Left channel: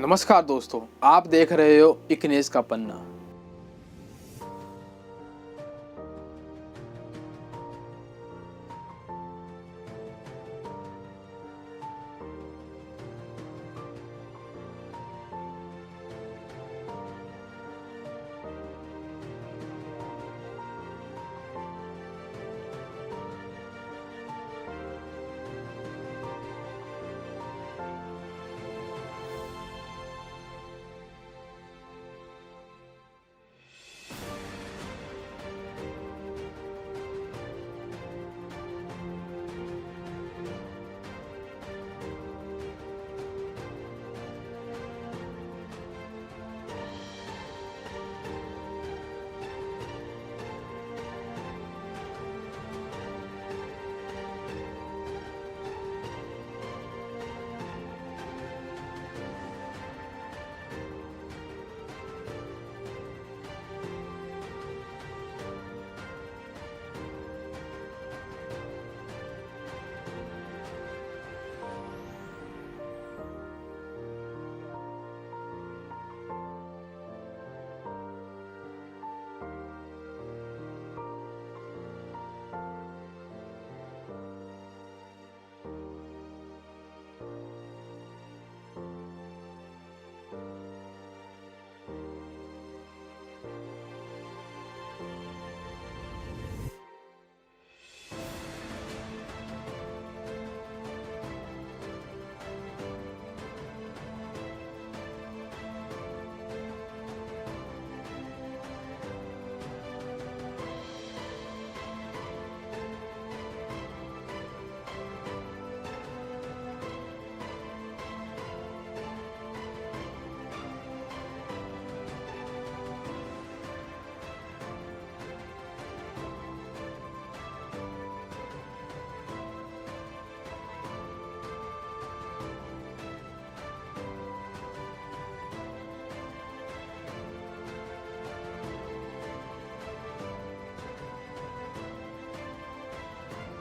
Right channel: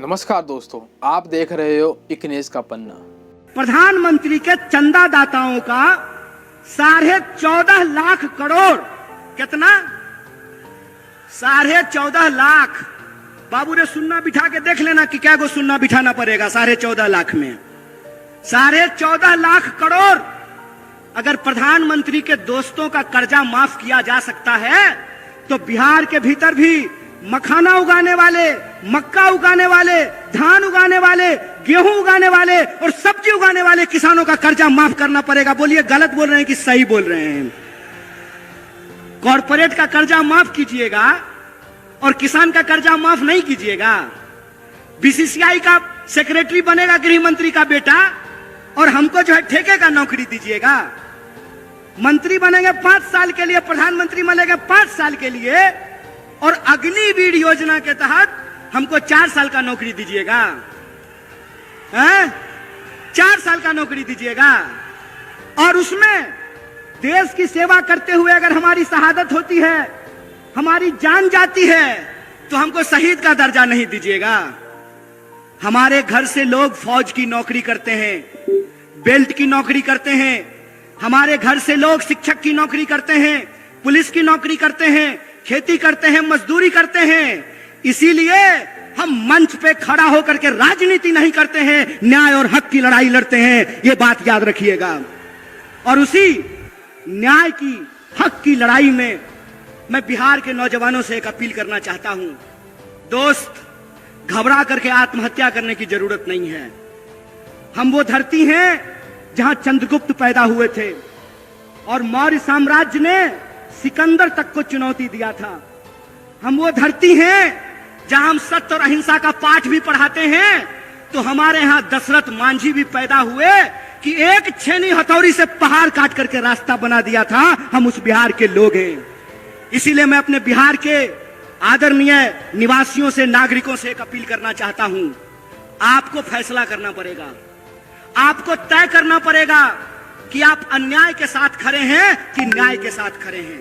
नमस्कार दोस्तों, आप देख रहे हो इकनेस का पन्ना। प्रधानमंत्री के चंदादाताओं का 14.5 लाख करोड़, कितना? 14.5 लाख। बाबू रे सुन्ना बिठा के देख लेना कि क्या को सुन्ना बिठाना पड़ेगा 14.5 लाख में। 14.5 लाख करोड़ अगर प्रधानमंत्री के दोस्तों का कर्जा माफ किया जा सकता है तो बिहार के भीतर भी मखाना उगाने वाले, मक्का उगाने वाले, धान उगाने वाले, गेहूं उगाने वाले और सब्जी उगाने वाले किसानों का कर्जा माफ करना पड़ेगा। बोलिए गलत बोल रहे हैं कि सही बोल रहे हैं? कॉर्पोरेट का कर्जा माफ कीजिएगा और किसान का कर्जा माफ नहीं कीजिएगा। बीसीसीआई का सेक्रेटरी बनेगा गृह मंत्री का बेटा और हमको जो है ठेके का नौकरी दीजिएगा। मंत्री बनेंगे 5 साल के लिए, प्रधानमंत्री बनेंगे 5 साल के लिए और अग्निवीर योजना के तहत हमको 4 साल का नौकरी दीजिएगा। 4 साल का नौकरी दीजिएगा और उसमें देश की सेवा करते हुए अगर हमारी शहादत होती है, हमारी जान जाती है, तो हमको शहीद का दर्जा नहीं दीजिएगा। हमारे घर से लोग फौज की नौकरी करते हैं, बेल्ट की नौकरी करते हैं, हमारे घर से लोग शिक्षक की नौकरी करते हैं, पुलिस की नौकरी करते हैं, खेती करते हैं, मजदूरी करते हैं। इसीलिए हम मंच पे खड़ा होकर के राजनीति नहीं करते हैं, न्याय और हक की लड़ाई लड़ते हैं। ये बात याद रखिएगा। और उसी न्याय की, हक की लड़ाई में मैं बिहार के नौजवानों से एक अपील करना चाहता हूं। दोस्त, घबरा करके आत्महत्या करने की जरूरत नहीं है। हम वो धरती हैं जहां चंद्रगुप्त पैदा हुए थे और मौर्य साम्राज्य ने सिकंदर तक को चुनौती दिया था। हम वो धरती हैं जहां हम सत्य और अहिंसा का पाठ भी पढ़ाते हैं। तो हमारे यहां दशरथ मांझी भी पैदा हुए कि एक छेनी हथौड़ी से पहाड़ काट करके रास्ता बना दिया था। हम उस बिहार के लोग हैं। इसीलिए मैं अपने बिहार के आदरणीय निवासियों से, नागरिकों से एक अपील करना चाहता हूं। आपको फैसला करना पड़ेगा, आपको तय करना पड़ेगा कि आप अन्याय के साथ खड़े हैं कि न्याय के साथ खड़े हैं।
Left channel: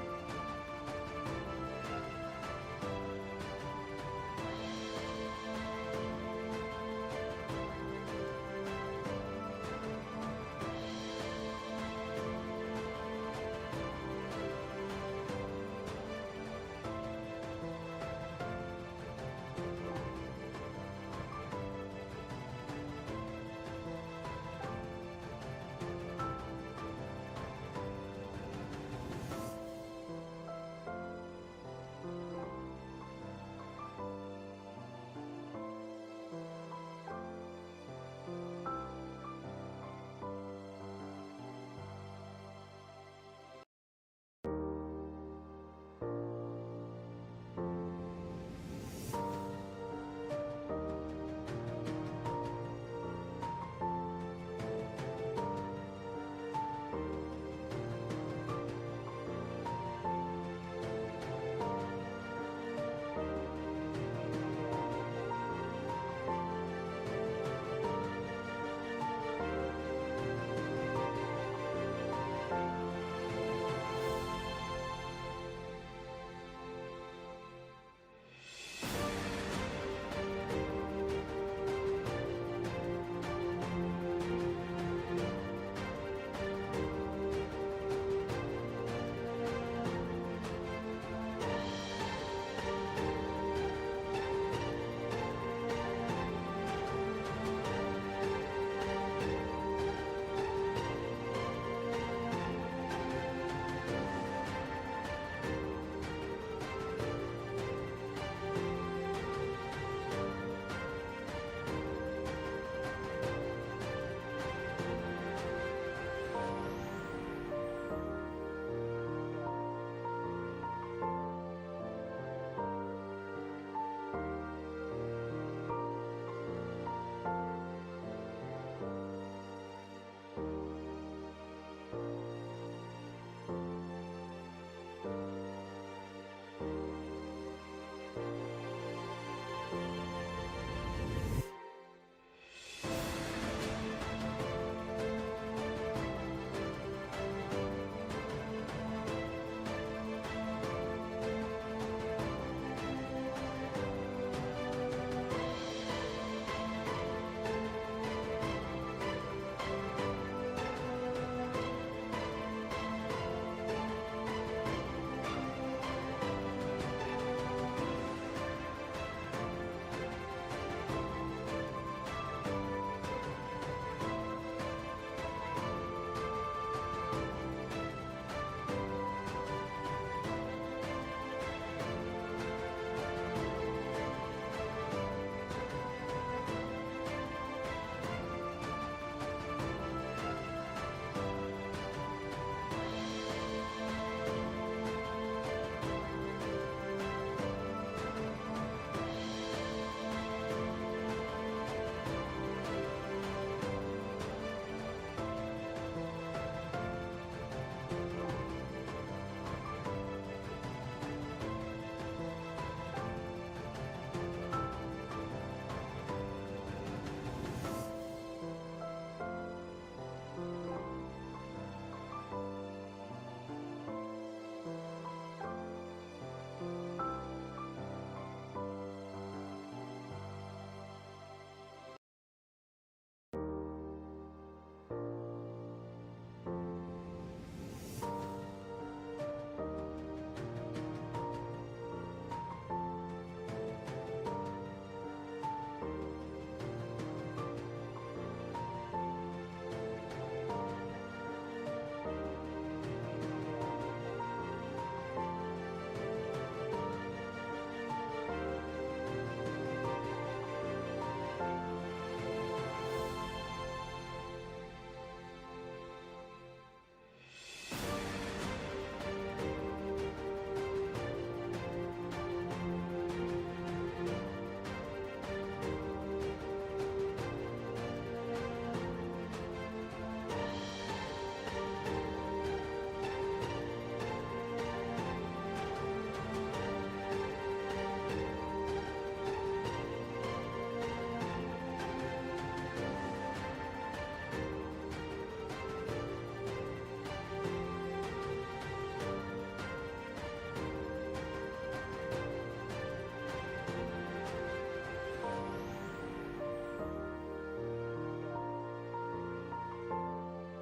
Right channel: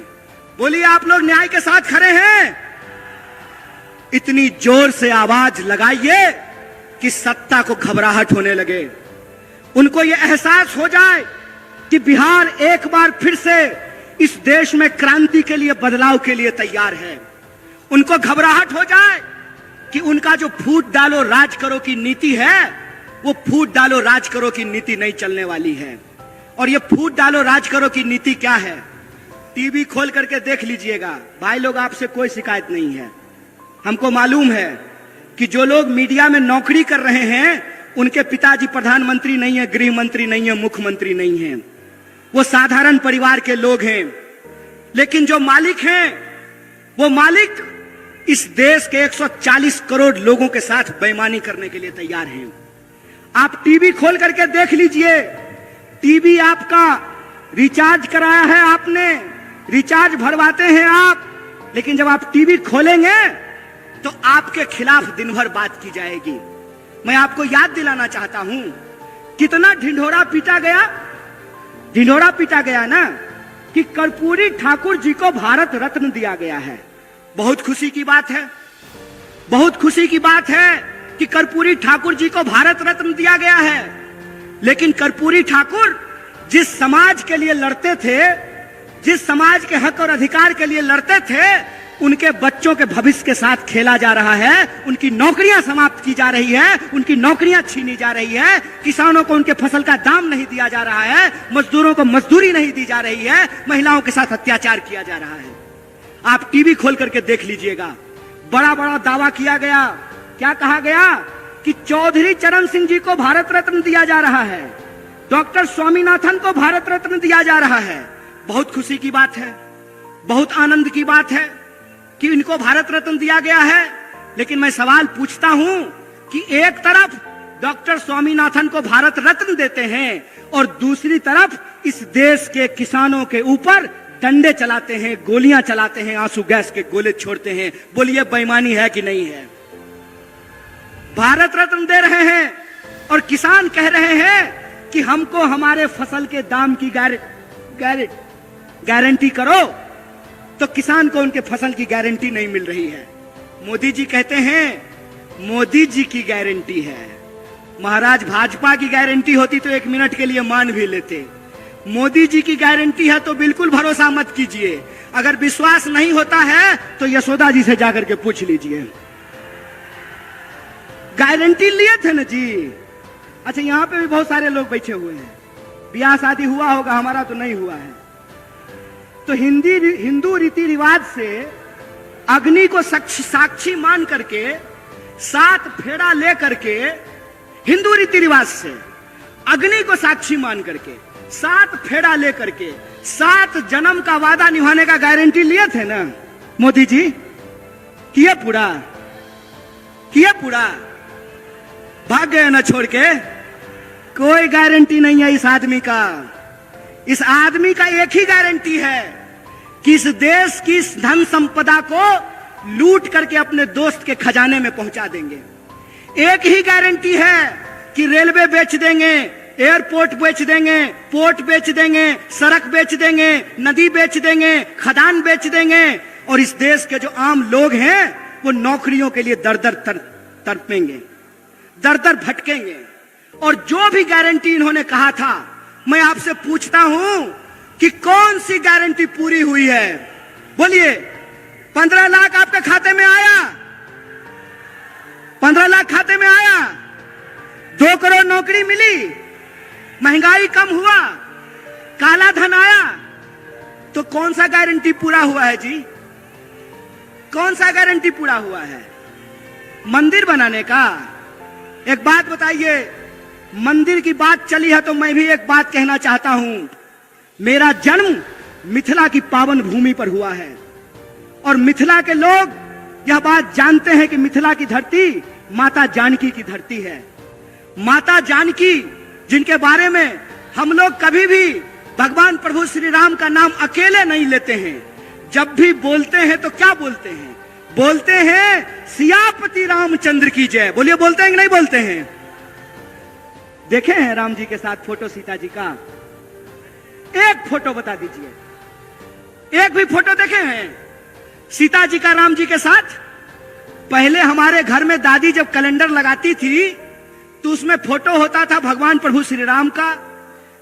बोलिए, आप लोग न्याय के साथ खड़े हैं? इतनी जोर से आवाज लगाइए कि सत्ता को घबराहट होने लगे, उनको यह एहसास हो जाए कि बिहार एक बार फिर से इस देश में क्रांति के लिए, बदलाव के लिए तैयार है। उनको घबराहट हो जाए कि उनका जो फूट डालो राज करो की नीति है, वो फूट डालो राज करो की नीति नहीं चलने वाली है। और ये फूट डालो राज करो की नीति क्या है? टीवी खोल करके देख लीजिएगा। भाई लोग, आपसे कोई शिकायत नहीं है। हमको मालूम है कि जो लोग मीडिया में नौकरी कर रहे हैं उनके पिताजी प्रधानमंत्री नहीं है, गृह मंत्री नहीं है, मुख्यमंत्री नहीं है। वो साधारण परिवार के लोग हैं। लेकिन जो मालिक हैं, वो मालिक इस देश के 140 करोड़ लोगों के साथ बेईमानी करने के लिए तैयार हैं। आप टीवी खोल करके देख लीजिए। टीवी आपका रिचार्ज कराया है आपने, रिचार्ज भरवाते हैं आप, लेकिन जब आप टीवी खोलेंगे तो आपके खिलाफ दिन भर बात की जाएगी। मैं आपको याद दिलाना चाहता हूं, कितना ढिंढोरा पीटा गया। ढिंढोरा पीटा गया ना कि कर्पूरी ठाकुर जी को भारत रत्न दिया गया है। बहुत खुशी की बात है, बहुत खुशी की बात है कि कर्पूरी ठाकुर जी को भारत रत्न दिया गया है। लेकिन कर्पूरी ठाकुर जिस समाज के लिए लड़ते थे, जिस समाज के हक और अधिकार के लिए लड़ते थे, उनके बच्चों के भविष्य के साथ खेला जा रहा है। उनकी नौकरियां समाप्त की जा रही है, उनकी नौकरियां छीनी जा रही है। किसानों को उनके फसल का दाम नहीं दिया जा रहा है, मजदूरों को मजदूरी नहीं दी जा रही है, महिलाओं के साथ अत्याचार किया जा रहा है। आप टीवी खोल करके देख लीजिएगा। बड़ा बड़ा दावा किया गया। क्या कहा गया कि चौधरी चरण सिंह जी को भारत रत्न दिया जा रहा है, डॉक्टर स्वामीनाथन को भारत रत्न दिया जा रहा है। बहुत खुशी की बात है, बहुत आनंद की बात है कि इनको भारत रत्न दिया गया है। लेकिन मैं सवाल पूछता हूं कि एक तरफ डॉक्टर स्वामीनाथन को भारत रत्न देते हैं और दूसरी तरफ इस देश के किसानों के ऊपर डंडे चलाते हैं, गोलियां चलाते हैं, आंसू गैस के गोले छोड़ते हैं। बोलिए, बेईमानी है कि नहीं है? भारत रत्न दे रहे हैं और किसान कह रहे हैं कि हमको हमारे फसल के दाम की गारंटी करो, तो किसान को उनके फसल की गारंटी नहीं मिल रही है। मोदी जी कहते हैं मोदी जी की गारंटी है। महाराज भाजपा की गारंटी होती तो 1 मिनट के लिए मान भी लेते। मोदी जी की गारंटी है तो बिल्कुल भरोसा मत कीजिए। अगर विश्वास नहीं होता है तो यशोदा जी से जाकर के पूछ लीजिए। गारंटी लिए थे ना जी। अच्छा, यहां पे भी बहुत सारे लोग बैठे हुए हैं, ब्याह शादी हुआ होगा, हमारा तो नहीं हुआ है। तो हिंदू रीति रिवाज से अग्नि को साक्षी मान करके 7 फेरा ले करके, हिंदू रीति रिवाज से अग्नि को साक्षी मान करके 7 फेरा ले करके 7 जन्म का वादा निभाने का गारंटी लिए थे ना मोदी जी। किए पूरा, किए पूरा, भाग गए ना छोड़ के। कोई गारंटी नहीं है इस आदमी का। इस आदमी का एक ही गारंटी है कि इस देश की धन संपदा को लूट करके अपने दोस्त के खजाने में पहुंचा देंगे। एक ही गारंटी है कि रेलवे बेच देंगे, एयरपोर्ट बेच देंगे, पोर्ट बेच देंगे, सड़क बेच देंगे, नदी बेच देंगे, खदान बेच देंगे, और इस देश के जो आम लोग हैं वो नौकरियों के लिए दर दर तड़पेंगे, दर दर भटकेंगे। और जो भी गारंटी इन्होंने कहा था, मैं आपसे पूछता हूं कि कौन सी गारंटी पूरी हुई है? बोलिए। 15 लाख आपके खाते में आया? 15 लाख खाते में आया? 2 करोड़ नौकरी मिली? महंगाई कम हुआ? काला धन आया? तो कौन सा गारंटी पूरा हुआ है जी? कौन सा गारंटी पूरा हुआ है? मंदिर बनाने का? एक बात बताइए, मंदिर की बात चली है तो मैं भी एक बात कहना चाहता हूं। मेरा जन्म मिथिला की पावन भूमि पर हुआ है और मिथिला के लोग यह बात जानते हैं कि मिथिला की धरती माता जानकी की धरती है। माता जानकी, जिनके बारे में हम लोग कभी भी भगवान प्रभु श्री राम का नाम अकेले नहीं लेते हैं। जब भी बोलते हैं तो क्या बोलते हैं? बोलते हैं सियापति रामचंद्र की जय। बोलिए, बोलते हैं कि नहीं बोलते हैं? देखे हैं राम जी के साथ फोटो सीता जी का? एक फोटो बता दीजिए, एक भी फोटो देखे हैं सीता जी का राम जी के साथ? पहले हमारे घर में दादी जब कैलेंडर लगाती थी तो उसमें फोटो होता था भगवान प्रभु श्री राम का,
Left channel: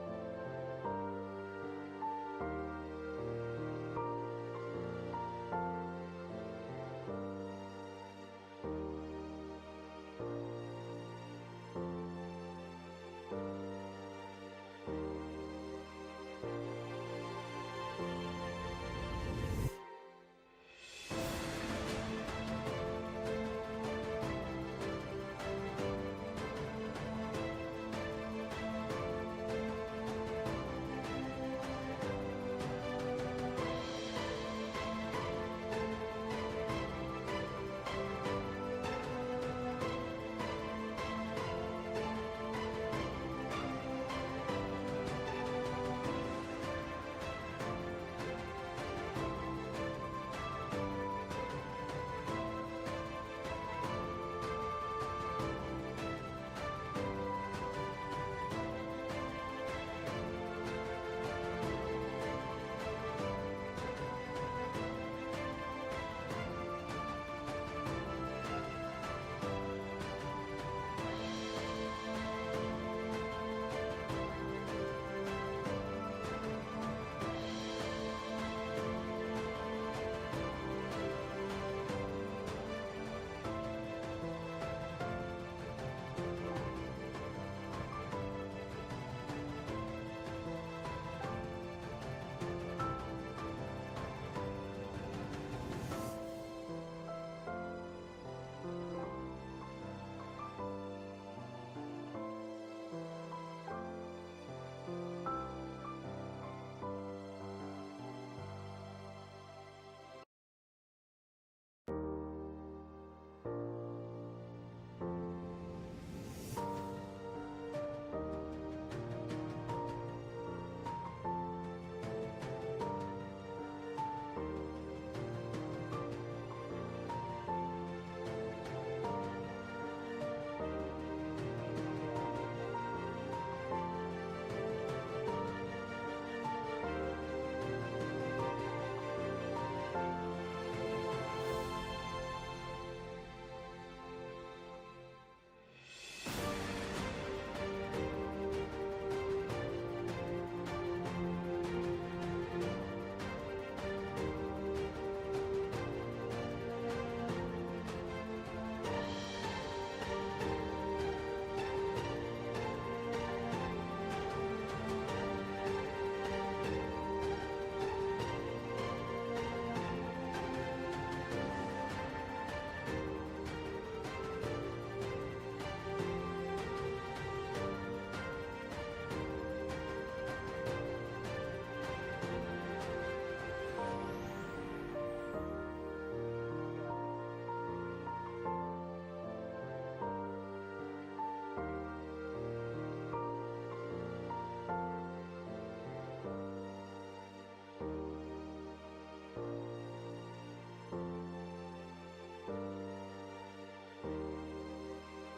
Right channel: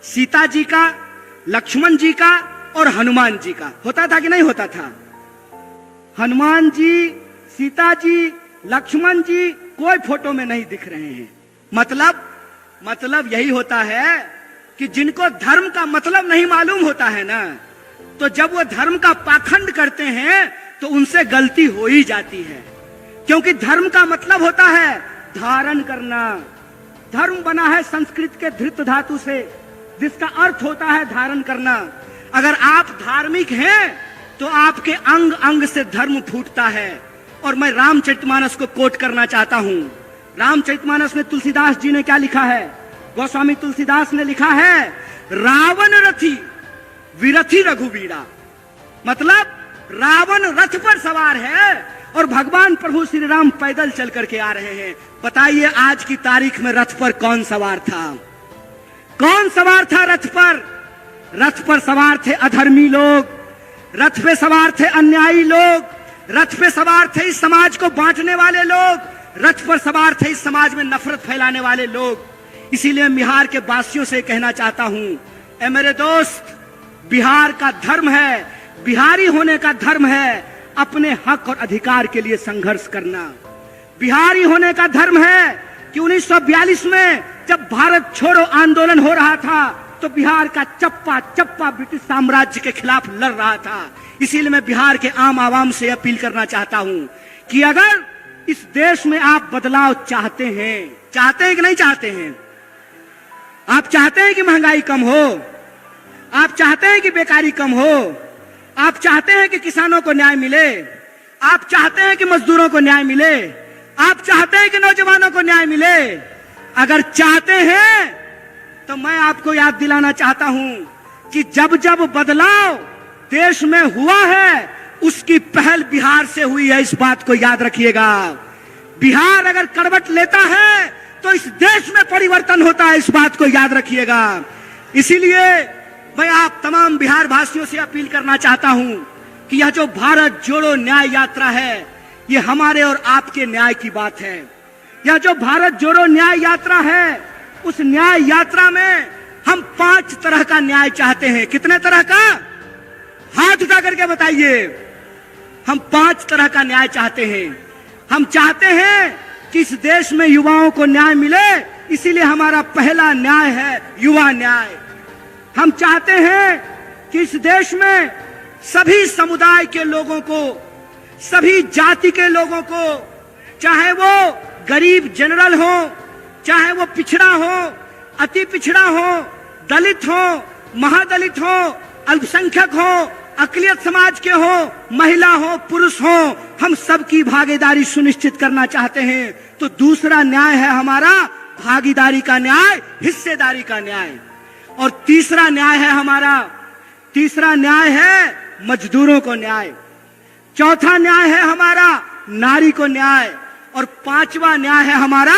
सीता जी का, लक्ष्मण जी का और हनुमान जी का। होता था कि नहीं होता था? हनुमान जी, सीता जी, लक्ष्मण जी कोई फोटो में नहीं दिख रहे हैं। मतलब यही होता है कि जिनको धर्म का मतलब नहीं मालूम होता है ना, तो जब वो धर्म का पाखंड करते हैं तो उनसे गलती हो ही जाती है। क्योंकि धर्म का मतलब होता है धारण करना। धर्म बना है संस्कृत के धृत धातु से, जिसका अर्थ होता है धारण करना। अगर आप धार्मिक हैं तो आपके अंग अंग से धर्म फूटता है। और मैं रामचरितमानस को कोट करना चाहता हूं। रामचरितमानस में तुलसीदास जी ने क्या लिखा है? गोस्वामी तुलसीदास ने लिखा है, रावण रथी विरथी रघुवीरा। मतलब रावण रथ पर सवार है और भगवान प्रभु श्री राम पैदल चल करके आ रहे हैं। बताइए आज की तारीख में रथ पर कौन सवार था? कौन सवार था रथ पर? रथ पर सवार थे अधर्मी लोग, रथ पे सवार थे अन्यायी लोग, रथ पे सवार थे इस समाज को बांटने वाले लोग, रथ पर सवार थे इस समाज में नफरत फैलाने वाले लोग। इसीलिए बिहार के वासियों से कहना चाहता हूं, ए मेरे दोस्त, बिहार का धर्म है, बिहारी होने का धर्म है अपने हक और अधिकार के लिए संघर्ष करना। बिहारी होने का धर्म है कि 1942 में जब भारत छोड़ो आंदोलन हो रहा था तो बिहार का चप्पा चप्पा ब्रिटिश साम्राज्य के खिलाफ लड़ रहा था। इसीलिए मैं बिहार के आम आवाम से अपील करना चाहता हूं कि अगर इस देश में आप बदलाव चाहते हैं कि नहीं चाहते हैं? आप चाहते हैं कि महंगाई कम हो? आप चाहते हैं कि बेकारी कम हो? आप चाहते हैं कि किसानों को न्याय मिले? आप चाहते हैं कि मजदूरों को न्याय मिले? आप चाहते हैं कि नौजवानों को न्याय मिले? अगर चाहते हैं तो मैं आपको याद दिलाना चाहता हूं कि जब जब बदलाव देश में हुआ है उसकी पहल बिहार से हुई है। इस बात को याद रखिएगा। बिहार अगर करवट लेता है तो इस देश में परिवर्तन होता है। इस बात को याद रखिएगा। इसीलिए मैं आप तमाम बिहार वासियों से अपील करना चाहता हूं कि यह जो भारत जोड़ो न्याय यात्रा है, ये हमारे और आपके न्याय की बात है। यह जो भारत जोड़ो न्याय यात्रा है, उस न्याय यात्रा में हम 5 तरह का न्याय चाहते हैं। कितने तरह का? हाथ उठा करके बताइए। हम 5 तरह का न्याय चाहते हैं। हम चाहते हैं कि इस देश में युवाओं को न्याय मिले, इसीलिए हमारा पहला न्याय है युवा न्याय। हम चाहते हैं कि इस देश में सभी समुदाय के लोगों को, सभी जाति के लोगों को, चाहे वो गरीब जनरल हो, चाहे वो पिछड़ा हो, अति पिछड़ा हो, दलित हो, महादलित हो, अल्पसंख्यक हो, अकलियत समाज के हो, महिला हो, पुरुष हो, हम सबकी भागीदारी सुनिश्चित करना चाहते हैं। तो दूसरा न्याय है हमारा भागीदारी का न्याय, हिस्सेदारी का न्याय। और तीसरा न्याय है हमारा, तीसरा न्याय है मजदूरों को न्याय। चौथा न्याय है हमारा नारी को न्याय। और 5वां न्याय है हमारा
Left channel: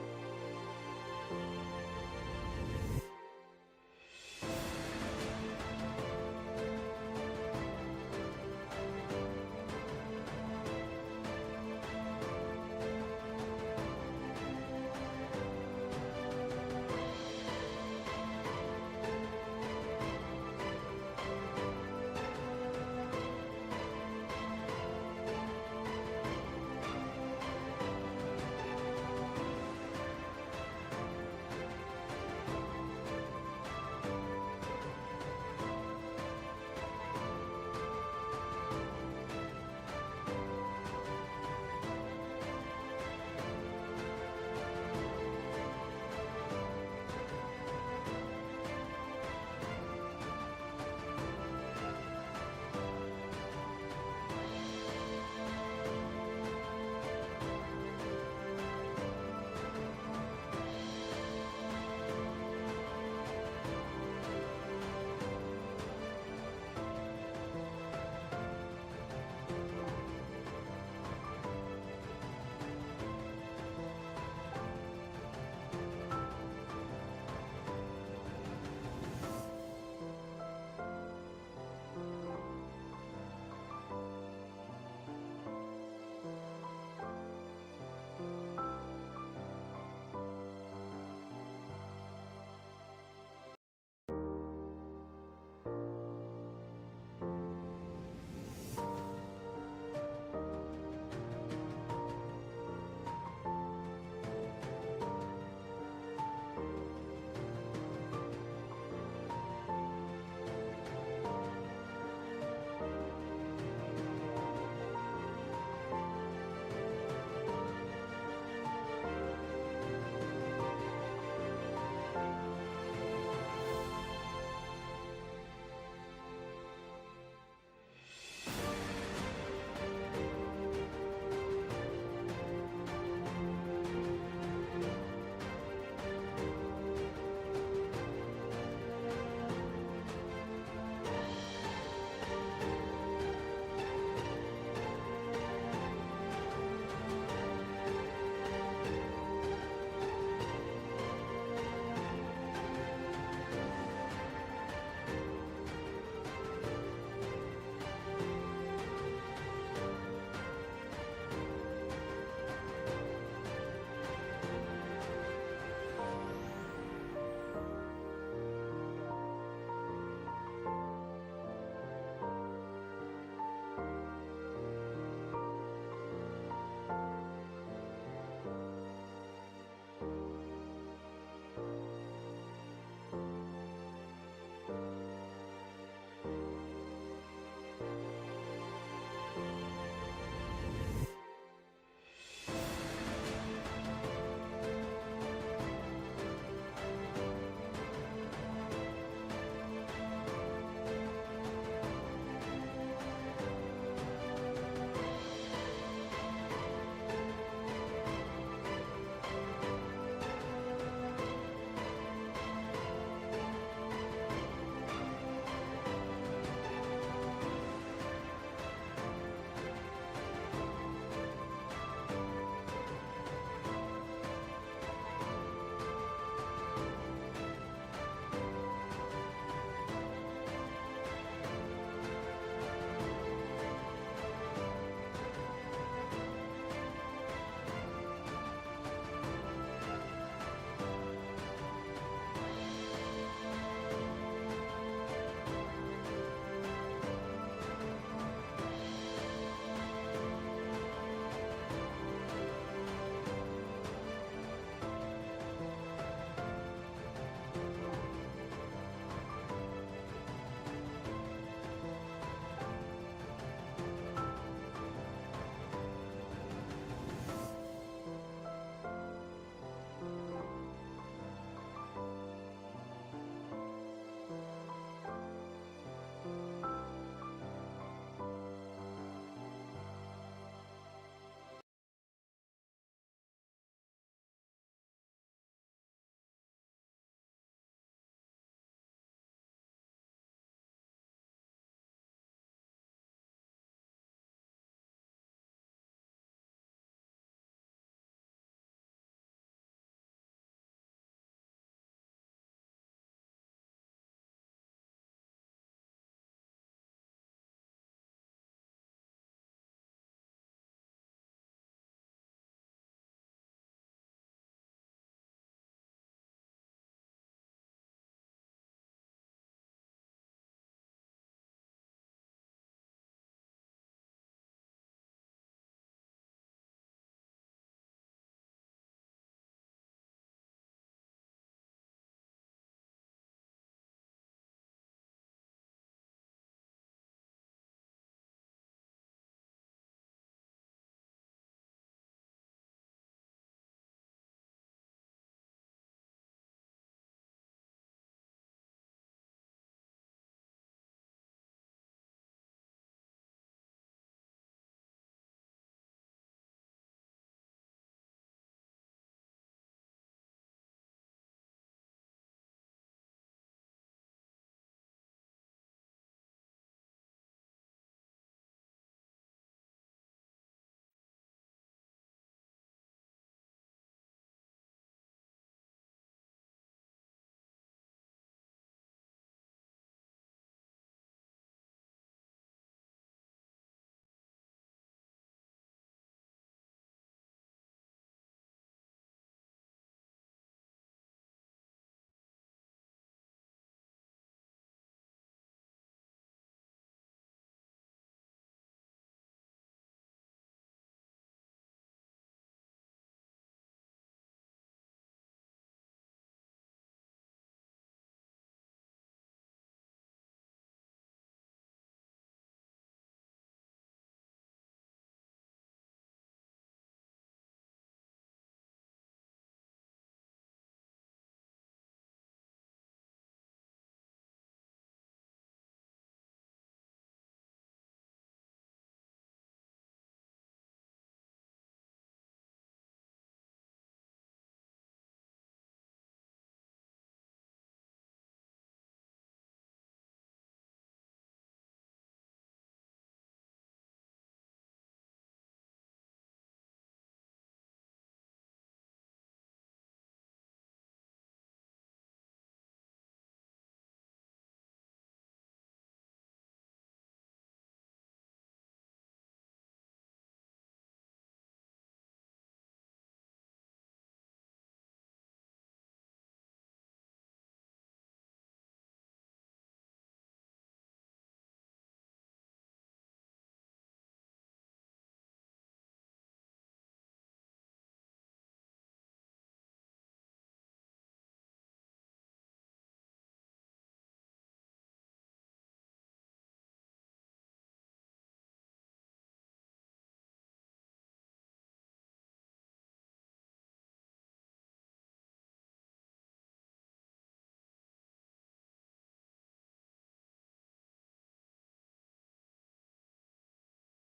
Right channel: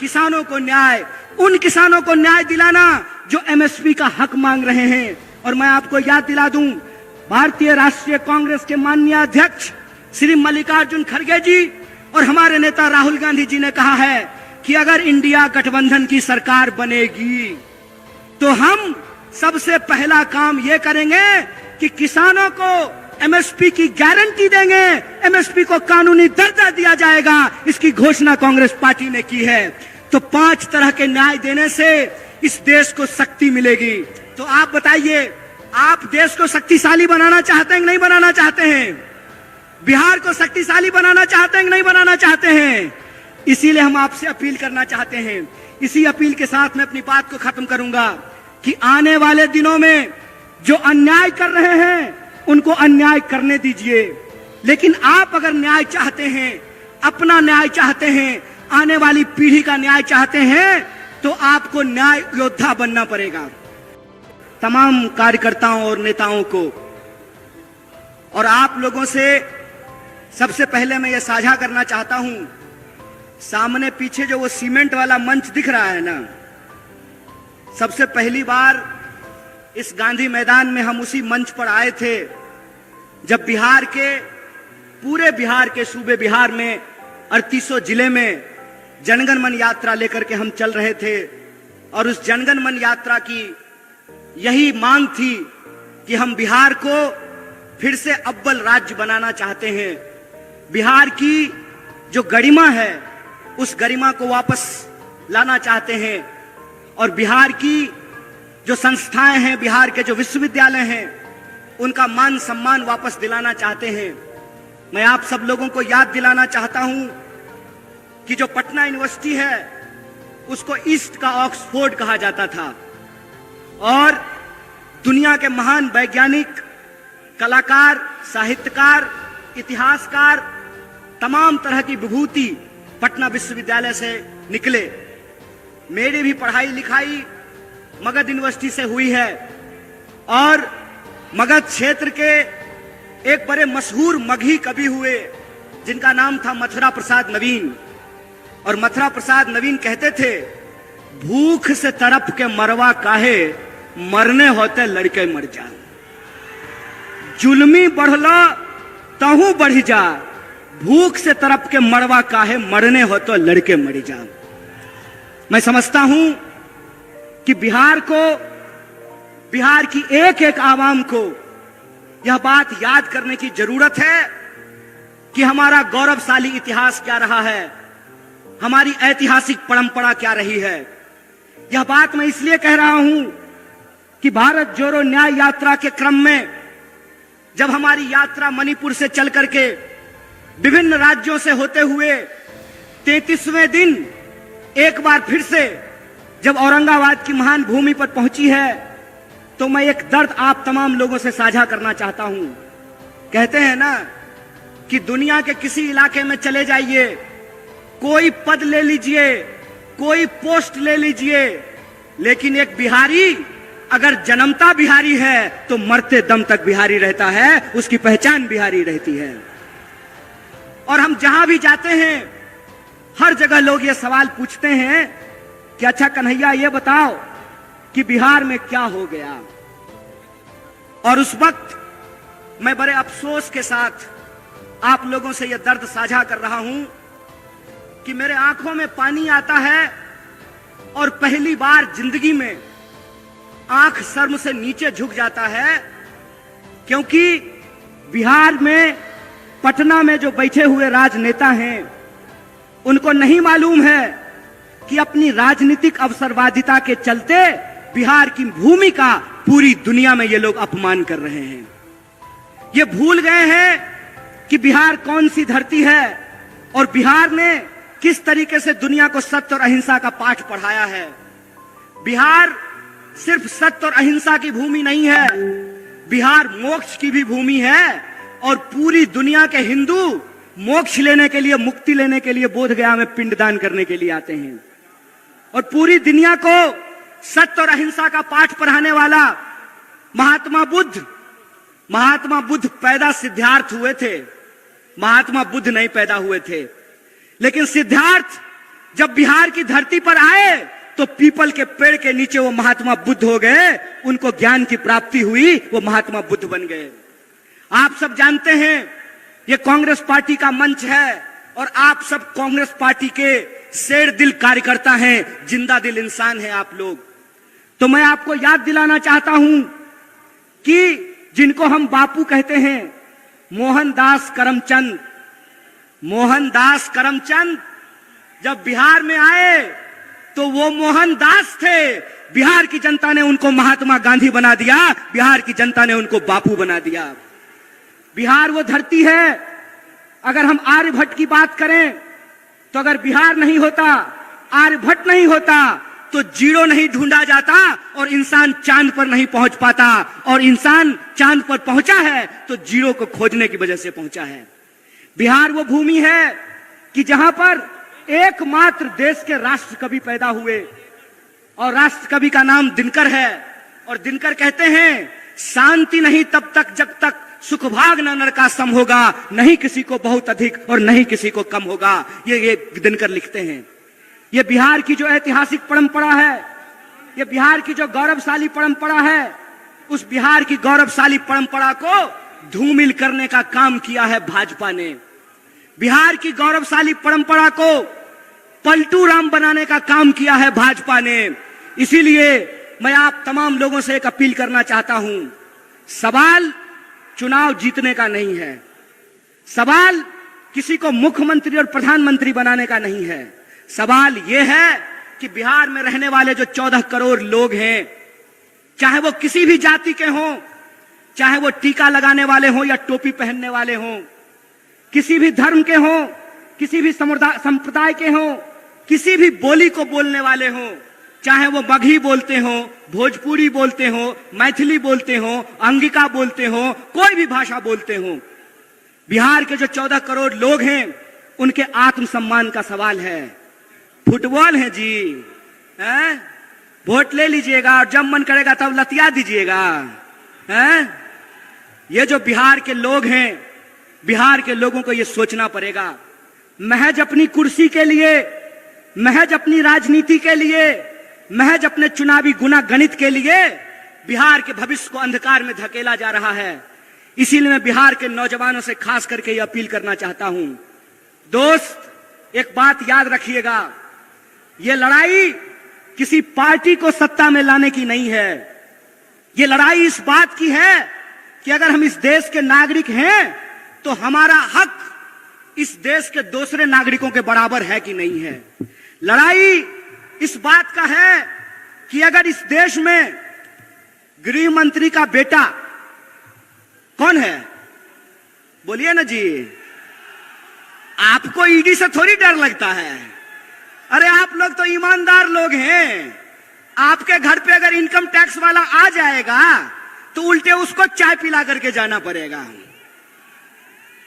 किसानों को न्याय। उन किसानों को न्याय दिलाना जो एमएसपी का हक मांग रहे हैं। और मैं आपको याद दिला दूं, भारतीय राष्ट्रीय कांग्रेस के माननीय अध्यक्ष श्री मल्लिकार्जुन खड़गे जी और हमारे नेता राहुल गांधी जी ने कहा है कि अगर इंडिया गठबंधन की सरकार बनेगी तो हम सबसे पहला काम यह करेंगे कि किसानों को एमएसपी की गारंटी देंगे, एमएसपी को कानूनी दर्जा दिया जाएगा। इसकी घोषणा कांग्रेस पार्टी ने की है। तो 5 तरह के न्याय देने से इस देश को शक्ति मिलेगी। तो आप बताइए, आप देश को शक्तिशाली बनाना चाहते हैं कि नहीं बनाना चाहते हैं? बिहार को शक्तिशाली बनाना चाहते हैं कि नहीं बनाना चाहते हैं? इसीलिए हम आपसे अपील करना चाहते हैं। इसी अपील के साथ मैं अपनी बात को खत्म करूंगा कि आने वाले दिनों में जो अन्याय कर रहे हैं उनको अन्याय करने दीजिए। लेकिन आप अगर न्याय चाहते हैं, अपना न्याय चाहते हैं, आने वाली पीढ़ी का न्याय चाहते हैं, तो आपको न्याय योद्धा बनना पड़ेगा। तमाम कार्यकर्ताओं और नेताओं को और आप लोगों से सबसे पहले मैं ये साझा करना चाहता हूं, सामने पीछे जो वो सीमेंट वाला मंच दिख रहा है ना, सबसे पहली बार इस गांधी मैदान में हम उसी मंच पर आए थे जब बिहार के, पूरे बिहार के सूबे बिहार में 3800 जिले में जनगण मन यात्रा लेकर के हम चल रहे थे। और उस जनगण मन यात्रा की यही मांग थी कि हम बिहार को फिर से अव्वल राज्य बनाना चाहते हैं। बिहार की जो गरिमा है उस गरिमा को वापस लाना चाहते हैं। और बिहार की जो संस्थाएं हैं, बिहार के जो विश्वविद्यालय हैं, उनका मान सम्मान वापस दिलाना चाहते हैं। मैं आप सब लोगों को याद दिलाना चाहता हूं कि जो पटना यूनिवर्सिटी है उसको ईस्ट का ऑक्सफोर्ड कहा जाता था। और दुनिया के महान वैज्ञानिक, कलाकार, साहित्यकार, इतिहासकार, तमाम तरह की विभूति पटना विश्वविद्यालय से निकले। मेरी भी पढ़ाई लिखाई मगध यूनिवर्सिटी से हुई है। और मगध क्षेत्र के एक बड़े मशहूर मगही कवि हुए जिनका नाम था मथुरा प्रसाद नवीन। और मथुरा प्रसाद नवीन कहते थे, भूख से तड़प के मरवा काहे, मरने होते लड़के मर जा। जुल्मी बढ़ला तहू बढ़ जा, भूख से तड़प के मरवा काहे, मरने हो तो लड़के मर जा। मैं समझता हूं कि बिहार को, बिहार की एक एक आवाम को यह बात याद करने की जरूरत है कि हमारा गौरवशाली इतिहास क्या रहा है, हमारी ऐतिहासिक परंपरा क्या रही है। यह बात मैं इसलिए कह रहा हूं कि भारत जोड़ो न्याय यात्रा के क्रम में जब हमारी यात्रा मणिपुर से चल करके विभिन्न राज्यों से होते हुए 33वें दिन एक बार फिर से जब औरंगाबाद की महान भूमि पर पहुंची है, तो मैं एक दर्द आप तमाम लोगों से साझा करना चाहता हूं। कहते हैं ना कि दुनिया के किसी इलाके में चले जाइए, कोई पद ले लीजिए, कोई पोस्ट ले लीजिए, लेकिन एक बिहारी अगर जन्मता बिहारी है तो मरते दम तक बिहारी रहता है, उसकी पहचान बिहारी रहती है। और हम जहां भी जाते हैं हर जगह लोग ये सवाल पूछते हैं कि अच्छा कन्हैया ये बताओ कि बिहार में क्या हो गया। और उस वक्त मैं बड़े अफसोस के साथ आप लोगों से यह दर्द साझा कर रहा हूं कि मेरे आंखों में पानी आता है और पहली बार जिंदगी में आंख शर्म से नीचे झुक जाता है, क्योंकि बिहार में पटना में जो बैठे हुए राजनेता हैं उनको नहीं मालूम है कि अपनी राजनीतिक अवसरवादिता के चलते बिहार की भूमि का पूरी दुनिया में ये लोग अपमान कर रहे हैं। ये भूल गए हैं कि बिहार कौन सी धरती है और बिहार ने किस तरीके से दुनिया को सत्य और अहिंसा का पाठ पढ़ाया है। बिहार सिर्फ सत्य और अहिंसा की भूमि नहीं है, बिहार मोक्ष की भी भूमि है और पूरी दुनिया के हिंदू मोक्ष लेने के लिए, मुक्ति लेने के लिए बोधगया में पिंडदान करने के लिए आते हैं। और पूरी दुनिया को सत्य और अहिंसा का पाठ पढ़ाने वाला महात्मा बुद्ध पैदा सिद्धार्थ हुए थे, महात्मा बुद्ध नहीं पैदा हुए थे। लेकिन सिद्धार्थ जब बिहार की धरती पर आए तो पीपल के पेड़ के नीचे वो महात्मा बुद्ध हो गए, उनको ज्ञान की प्राप्ति हुई, वो महात्मा बुद्ध बन गए। आप सब जानते हैं ये कांग्रेस पार्टी का मंच है और आप सब कांग्रेस पार्टी के शेर दिल कार्यकर्ता हैं, जिंदा दिल इंसान हैं आप लोग। तो मैं आपको याद दिलाना चाहता हूं कि जिनको हम बापू कहते हैं, मोहनदास करमचंद जब बिहार में आए तो वो मोहनदास थे, बिहार की जनता ने उनको महात्मा गांधी बना दिया, बिहार की जनता ने उनको बापू बना दिया। बिहार वो धरती है, अगर हम आर्यभट्ट की बात करें तो अगर बिहार नहीं होता, आर्यभट्ट नहीं होता तो जीरो नहीं ढूंढा जाता और इंसान चांद पर नहीं पहुंच पाता, और इंसान चांद पर पहुंचा है तो जीरो को खोजने की वजह से पहुंचा है। बिहार वो भूमि है कि जहां पर एकमात्र देश के राष्ट्र कवि पैदा हुए और राष्ट्र कवि का नाम दिनकर है। और दिनकर कहते हैं, शांति नहीं तब तक जब तक सुख भाग न नर का सम होगा, नहीं किसी को बहुत अधिक और नहीं किसी को कम होगा। ये दिनकर लिखते हैं। ये बिहार की जो ऐतिहासिक परंपरा है, ये बिहार की जो गौरवशाली परंपरा है, उस बिहार की गौरवशाली परंपरा को धूमिल करने का काम किया है भाजपा ने। बिहार की गौरवशाली परंपरा को पलटू राम बनाने का काम किया है भाजपा ने। इसीलिए मैं आप तमाम लोगों से एक अपील करना चाहता हूं, सवाल चुनाव जीतने का नहीं है, सवाल किसी को मुख्यमंत्री और प्रधानमंत्री बनाने का नहीं है। सवाल यह है कि बिहार में रहने वाले जो 14 करोड़ लोग हैं, चाहे वो किसी भी जाति के हों, चाहे वो टीका लगाने वाले हों या टोपी पहनने वाले हों, किसी भी धर्म के हों, किसी भी संप्रदाय के हों, किसी भी बोली को बोलने वाले हों, चाहे वो मगही बोलते हों, भोजपुरी बोलते हों, मैथिली बोलते हों, अंगिका बोलते हों, कोई भी भाषा बोलते हों, बिहार के जो 14 करोड़ लोग हैं उनके आत्मसम्मान का सवाल है। फुटबॉल है जी, हैं? वोट ले लीजिएगा और जब मन करेगा तब लतिया दीजिएगा, हैं? ये जो बिहार के लोग हैं, बिहार के लोगों को ये सोचना पड़ेगा। महज अपनी कुर्सी के लिए, महज अपनी राजनीति के लिए, महज अपने चुनावी गुना गणित के लिए बिहार के भविष्य को अंधकार में धकेला जा रहा है। इसीलिए मैं बिहार के नौजवानों से खास करके ये अपील करना चाहता हूं, दोस्त एक बात याद रखिएगा, ये लड़ाई किसी पार्टी को सत्ता में लाने की नहीं है। ये लड़ाई इस बात की है कि अगर हम इस देश के नागरिक हैं तो हमारा हक इस देश के दूसरे नागरिकों के बराबर है कि नहीं है। लड़ाई इस बात का है कि अगर इस देश में गृह मंत्री का बेटा कौन है, बोलिए ना जी, आपको ईडी से थोड़ी डर लगता है। अरे आप लोग तो ईमानदार लोग हैं, आपके घर पे अगर इनकम टैक्स वाला आ जाएगा तो उल्टे उसको चाय पिला करके जाना पड़ेगा।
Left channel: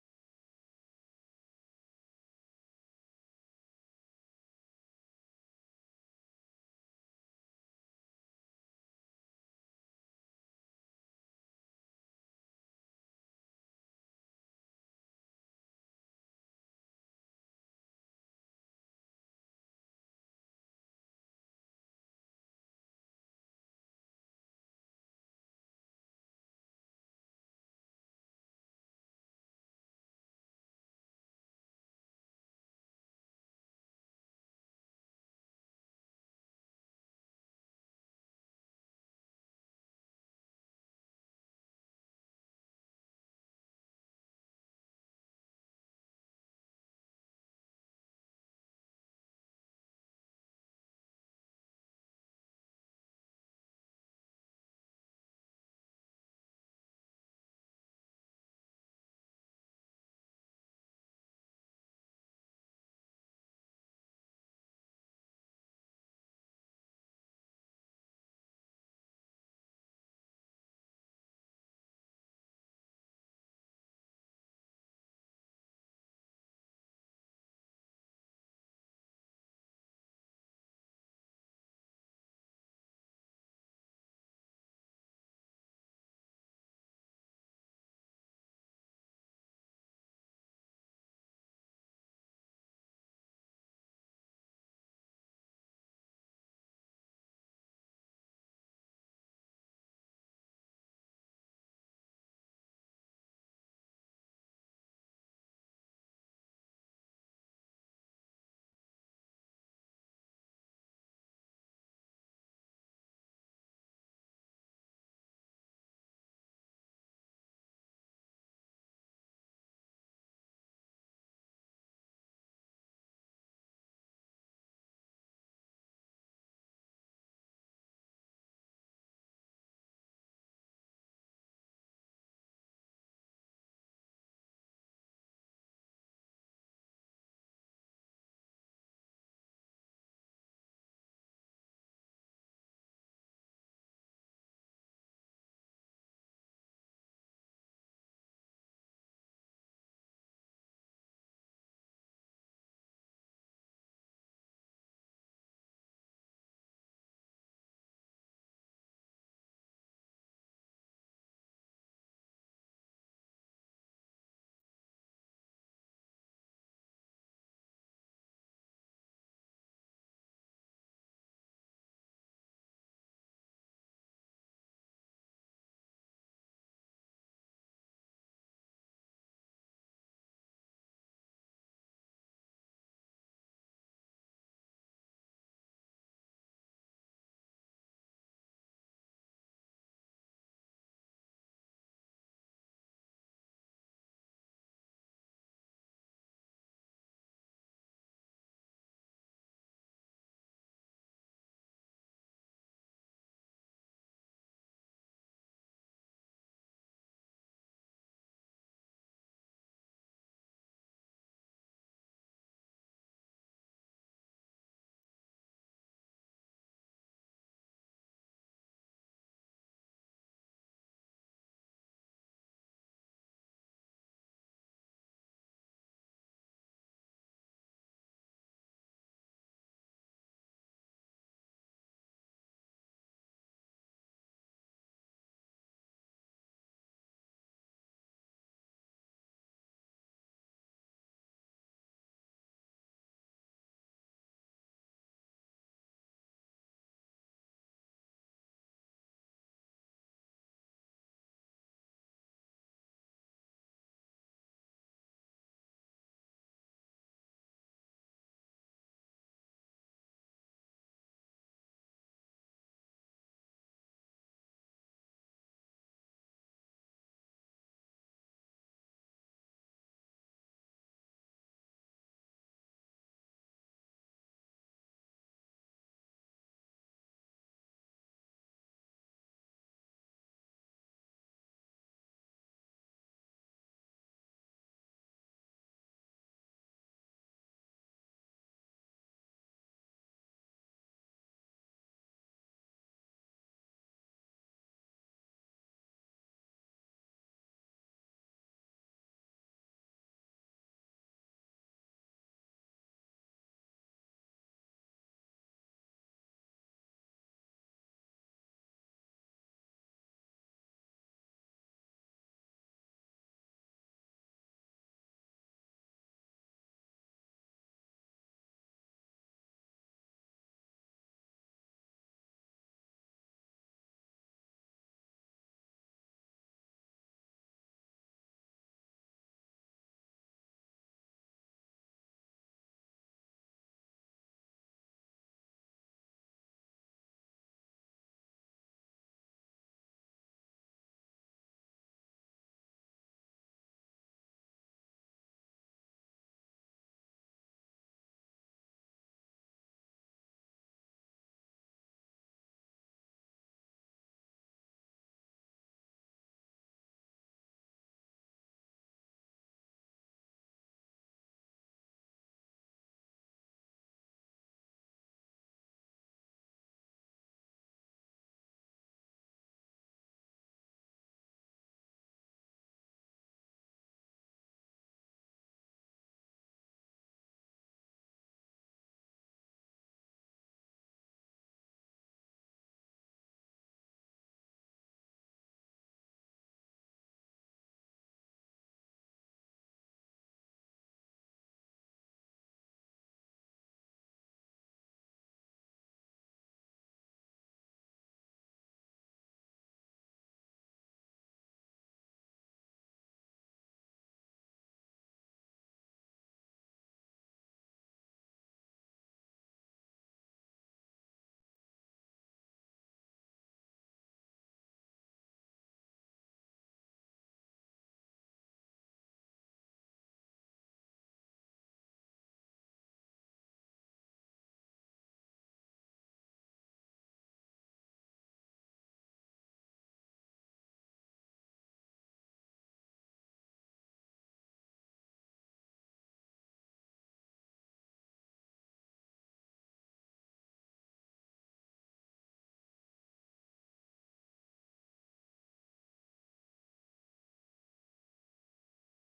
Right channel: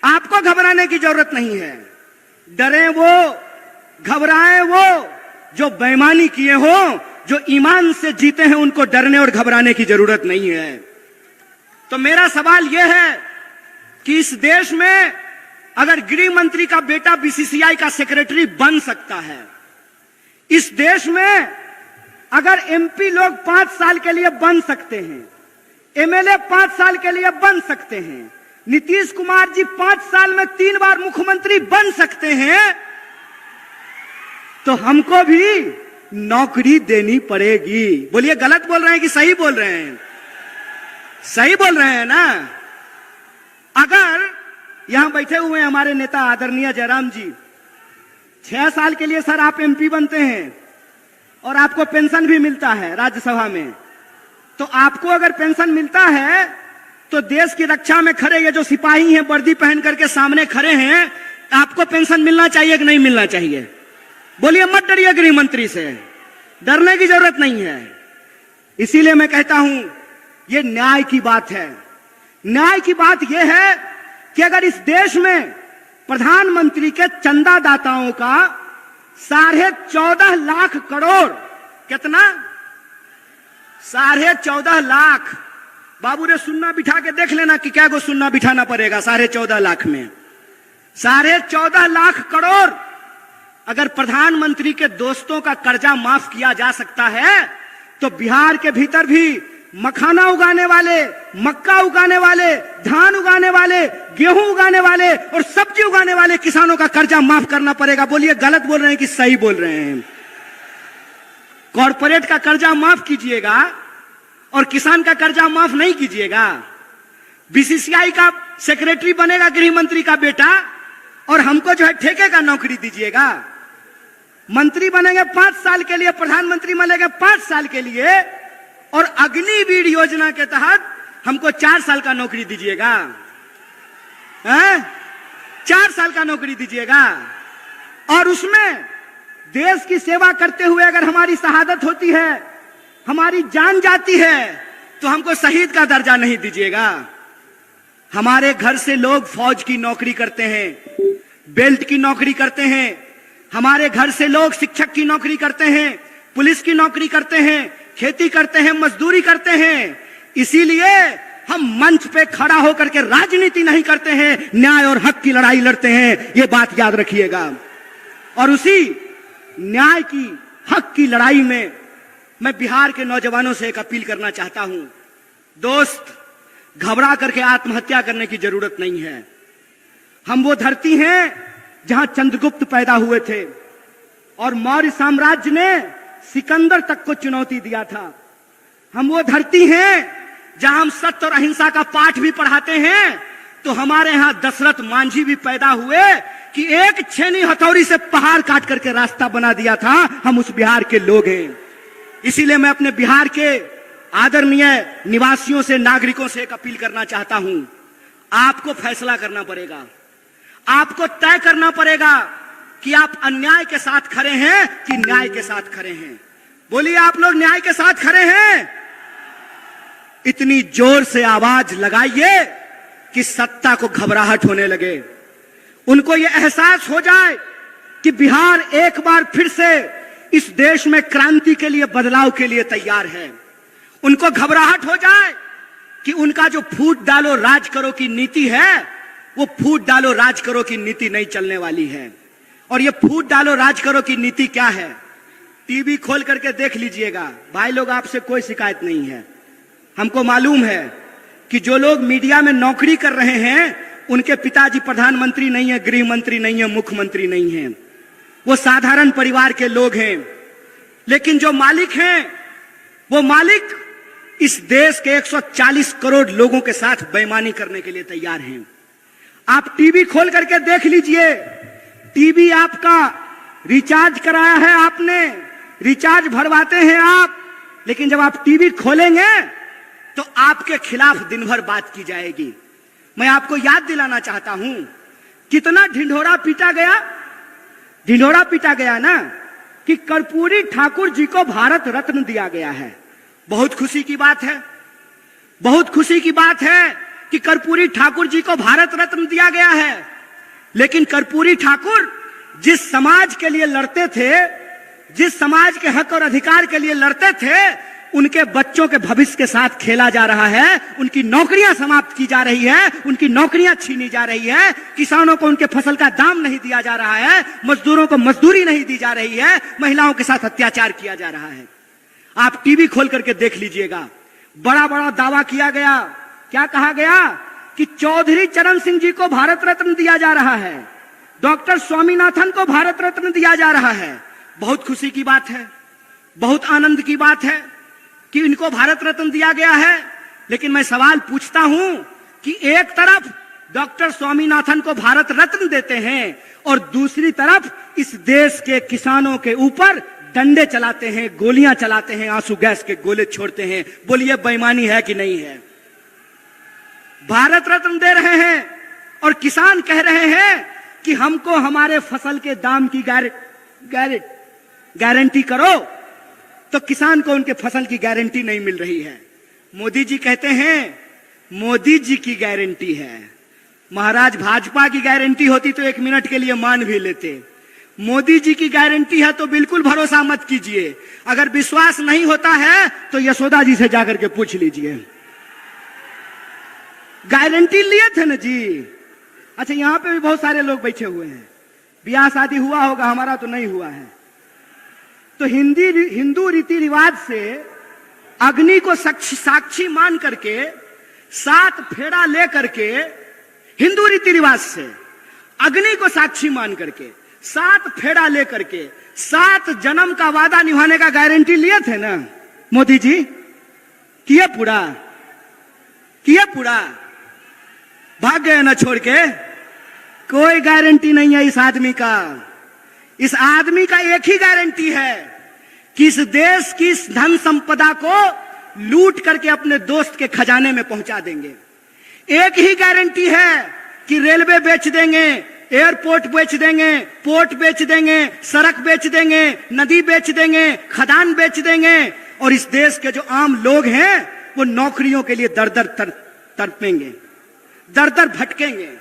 आपको घबराने की जरूरत नहीं है। डरे वो, घबराए वो जो बेईमानी किए हो, जो ईमान से जीते हैं, उनको डरने और घबराने की जरूरत नहीं है। तो मेरा सवाल यह है कि इस देश में अगर गृह मंत्री का बेटा बीसीसीआई का सेक्रेटरी बन सकता है, इस देश में अगर एमपी लोग 5 साल के लिए बन सकते हैं, एमएलए 5 साल के लिए बन सकते हैं, नीतीश कुमार जी 5 साल में 3 बार मुख्यमंत्री बन सकते हैं, तो हमको भी नौकरी देनी पड़ेगी। बोलिए गलत बोल रहे हैं कि सही बोल रहे हैं? सही बोल रहे हैं ना? अगर यहां बैठे हुए हमारे नेता आदरणीय जयराम जी, 6 साल के लिए सर आप एमपी बनते हैं और आपको पेंशन भी मिलता है राज्यसभा में, तो आपको अगर पेंशन मिलता है तो देश की रक्षा में खड़े ये जो सिपाही हैं वर्दी पहन करके सामने खड़े हैं, आपको पेंशन मिलना चाहिए कि नहीं मिलना चाहिए? बोलिए, मत डरिए गृह मंत्री से, डरने की जरूरत नहीं है। इसीलिए मैं कहता हूं ये न्याय की बात है। न्याय की बात यह है कि अगर इस देश में प्रधानमंत्री के चंदादाताओं का 14.5 लाख करोड़, कितना? 14.5 लाख। बाबू ने सुन्ना बिठा के देख लेना कि क्या को सुन्ना बिठाना पड़ेगा 14.5 लाख में। 14.5 लाख करोड़ अगर प्रधानमंत्री के दोस्तों का कर्जा माफ किया जा सकता है, तो बिहार के भीतर भी मखाना उगाने वाले, मक्का उगाने वाले, धान उगाने वाले, गेहूं उगाने वाले और सब्जी उगाने वाले किसानों का कर्जा माफ करना पड़ेगा। बोलिए गलत बोल रहे हैं कि सही बोल रहे हैं? कॉर्पोरेट का कर्जा माफ कीजिएगा और किसान का कर्जा माफ नहीं कीजिएगा। बीसीसीआई का सेक्रेटरी बनेगा गृह मंत्री का बेटा और हमको जो है ठेके का नौकरी दीजिएगा। मंत्री बनेंगे 5 साल के लिए, प्रधानमंत्री बनेंगे 5 साल के लिए और अग्निवीर योजना के तहत हमको 4 साल का नौकरी दीजिएगा। 4 साल का नौकरी दीजिएगा और उसमें देश की सेवा करते हुए अगर हमारी शहादत होती है, हमारी जान जाती है, तो हमको शहीद का दर्जा नहीं दीजिएगा। हमारे घर से लोग फौज की नौकरी करते हैं, बेल्ट की नौकरी करते हैं, हमारे घर से लोग शिक्षक की नौकरी करते हैं, पुलिस की नौकरी करते हैं, खेती करते हैं, मजदूरी करते हैं। इसीलिए हम मंच पे खड़ा होकर के राजनीति नहीं करते हैं, न्याय और हक की लड़ाई लड़ते हैं। ये बात याद रखिएगा। और उसी न्याय की, हक की लड़ाई में मैं बिहार के नौजवानों से एक अपील करना चाहता हूं। दोस्त, घबरा करके आत्महत्या करने की जरूरत नहीं है। हम वो धरती हैं जहां चंद्रगुप्त पैदा हुए थे और मौर्य साम्राज्य ने सिकंदर तक को चुनौती दिया था। हम वो धरती हैं जहां हम सत्य और अहिंसा का पाठ भी पढ़ाते हैं। तो हमारे यहां दशरथ मांझी भी पैदा हुए कि एक छेनी हथौड़ी से पहाड़ काट करके रास्ता बना दिया था। हम उस बिहार के लोग हैं। इसीलिए मैं अपने बिहार के आदरणीय निवासियों से, नागरिकों से एक अपील करना चाहता हूं। आपको फैसला करना पड़ेगा, आपको तय करना पड़ेगा कि आप अन्याय के साथ खड़े हैं कि न्याय के साथ खड़े हैं। बोलिए, आप लोग न्याय के साथ खड़े हैं? इतनी जोर से आवाज लगाइए कि सत्ता को घबराहट होने लगे, उनको यह एहसास हो जाए कि बिहार एक बार फिर से इस देश में क्रांति के लिए, बदलाव के लिए तैयार है। उनको घबराहट हो जाए कि उनका जो फूट डालो राज करो की नीति है, वो फूट डालो राज करो की नीति नहीं चलने वाली है। और ये फूट डालो राज करो की नीति क्या है? टीवी खोल करके देख लीजिएगा। भाई लोग, आपसे कोई शिकायत नहीं है। हमको मालूम है कि जो लोग मीडिया में नौकरी कर रहे हैं, उनके पिताजी प्रधानमंत्री नहीं है, गृह मंत्री नहीं है, मुख्यमंत्री नहीं है। वो साधारण परिवार के लोग हैं। लेकिन जो मालिक हैं, वो मालिक इस देश के 140 करोड़ लोगों के साथ बेईमानी करने के लिए तैयार हैं। आप टीवी खोल करके देख लीजिए। टीवी आपका रिचार्ज कराया है आपने, रिचार्ज भरवाते हैं आप, लेकिन जब आप टीवी खोलेंगे तो आपके खिलाफ दिन भर बात की जाएगी। मैं आपको याद दिलाना चाहता हूं, कितना ढिंढोरा पीटा गया। ढिंढोरा पीटा गया ना कि कर्पूरी ठाकुर जी को भारत रत्न दिया गया है। बहुत खुशी की बात है, बहुत खुशी की बात है कि कर्पूरी ठाकुर जी को भारत रत्न दिया गया है। लेकिन कर्पूरी ठाकुर जिस समाज के लिए लड़ते थे, जिस समाज के हक और अधिकार के लिए लड़ते थे, उनके बच्चों के भविष्य के साथ खेला जा रहा है। उनकी नौकरियां समाप्त की जा रही है, उनकी नौकरियां छीनी जा रही है। किसानों को उनके फसल का दाम नहीं दिया जा रहा है, मजदूरों को मजदूरी नहीं दी जा रही है, महिलाओं के साथ अत्याचार किया जा रहा है। आप टीवी खोल करके देख लीजिएगा। बड़ा बड़ा दावा किया गया। क्या कहा गया कि चौधरी चरण सिंह जी को भारत रत्न दिया जा रहा है, डॉक्टर स्वामीनाथन को भारत रत्न दिया जा रहा है, बहुत खुशी की बात है, बहुत आनंद की बात है कि इनको भारत रत्न दिया गया है। लेकिन मैं सवाल पूछता हूं कि एक तरफ डॉक्टर स्वामीनाथन को भारत रत्न देते हैं और दूसरी तरफ इस देश के किसानों के ऊपर डंडे चलाते हैं, गोलियां चलाते हैं, आंसू गैस के गोले छोड़ते हैं। बोलिए बेईमानी है कि नहीं है? भारत रत्न दे रहे हैं और किसान कह रहे हैं कि हमको हमारे फसल के दाम की गारंटी करो, तो किसान को उनके फसल की गारंटी नहीं मिल रही है। मोदी जी कहते हैं मोदी जी की गारंटी है। महाराज भाजपा की गारंटी होती तो 1 मिनट के लिए मान भी लेते। मोदी जी की गारंटी है तो बिल्कुल भरोसा मत कीजिए। अगर विश्वास नहीं होता है तो यशोदा जी से जाकर के पूछ लीजिए। गारंटी लिए थे ना जी। अच्छा, यहां पे भी बहुत सारे लोग बैठे हुए हैं, ब्याह शादी हुआ होगा, हमारा तो नहीं हुआ है। तो हिंदू रीति रिवाज से अग्नि को साक्षी मान करके 7 फेरा ले करके, हिंदू रीति रिवाज से अग्नि को साक्षी मान करके 7 फेरा ले करके 7 जन्म का वादा निभाने का गारंटी लिए थे ना मोदी जी? किए पूरा? भाग गए ना छोड़ के? कोई गारंटी नहीं है इस आदमी का। इस आदमी का एक ही गारंटी है कि इस देश की धन संपदा को लूट करके अपने दोस्त के खजाने में पहुंचा देंगे। एक ही गारंटी है कि रेलवे बेच देंगे, एयरपोर्ट बेच देंगे, पोर्ट बेच देंगे, सड़क बेच देंगे, नदी बेच देंगे, खदान बेच देंगे, और इस देश के जो आम लोग हैं वो नौकरियों के लिए दर दर तड़पेंगे, दर दर भटकेंगे।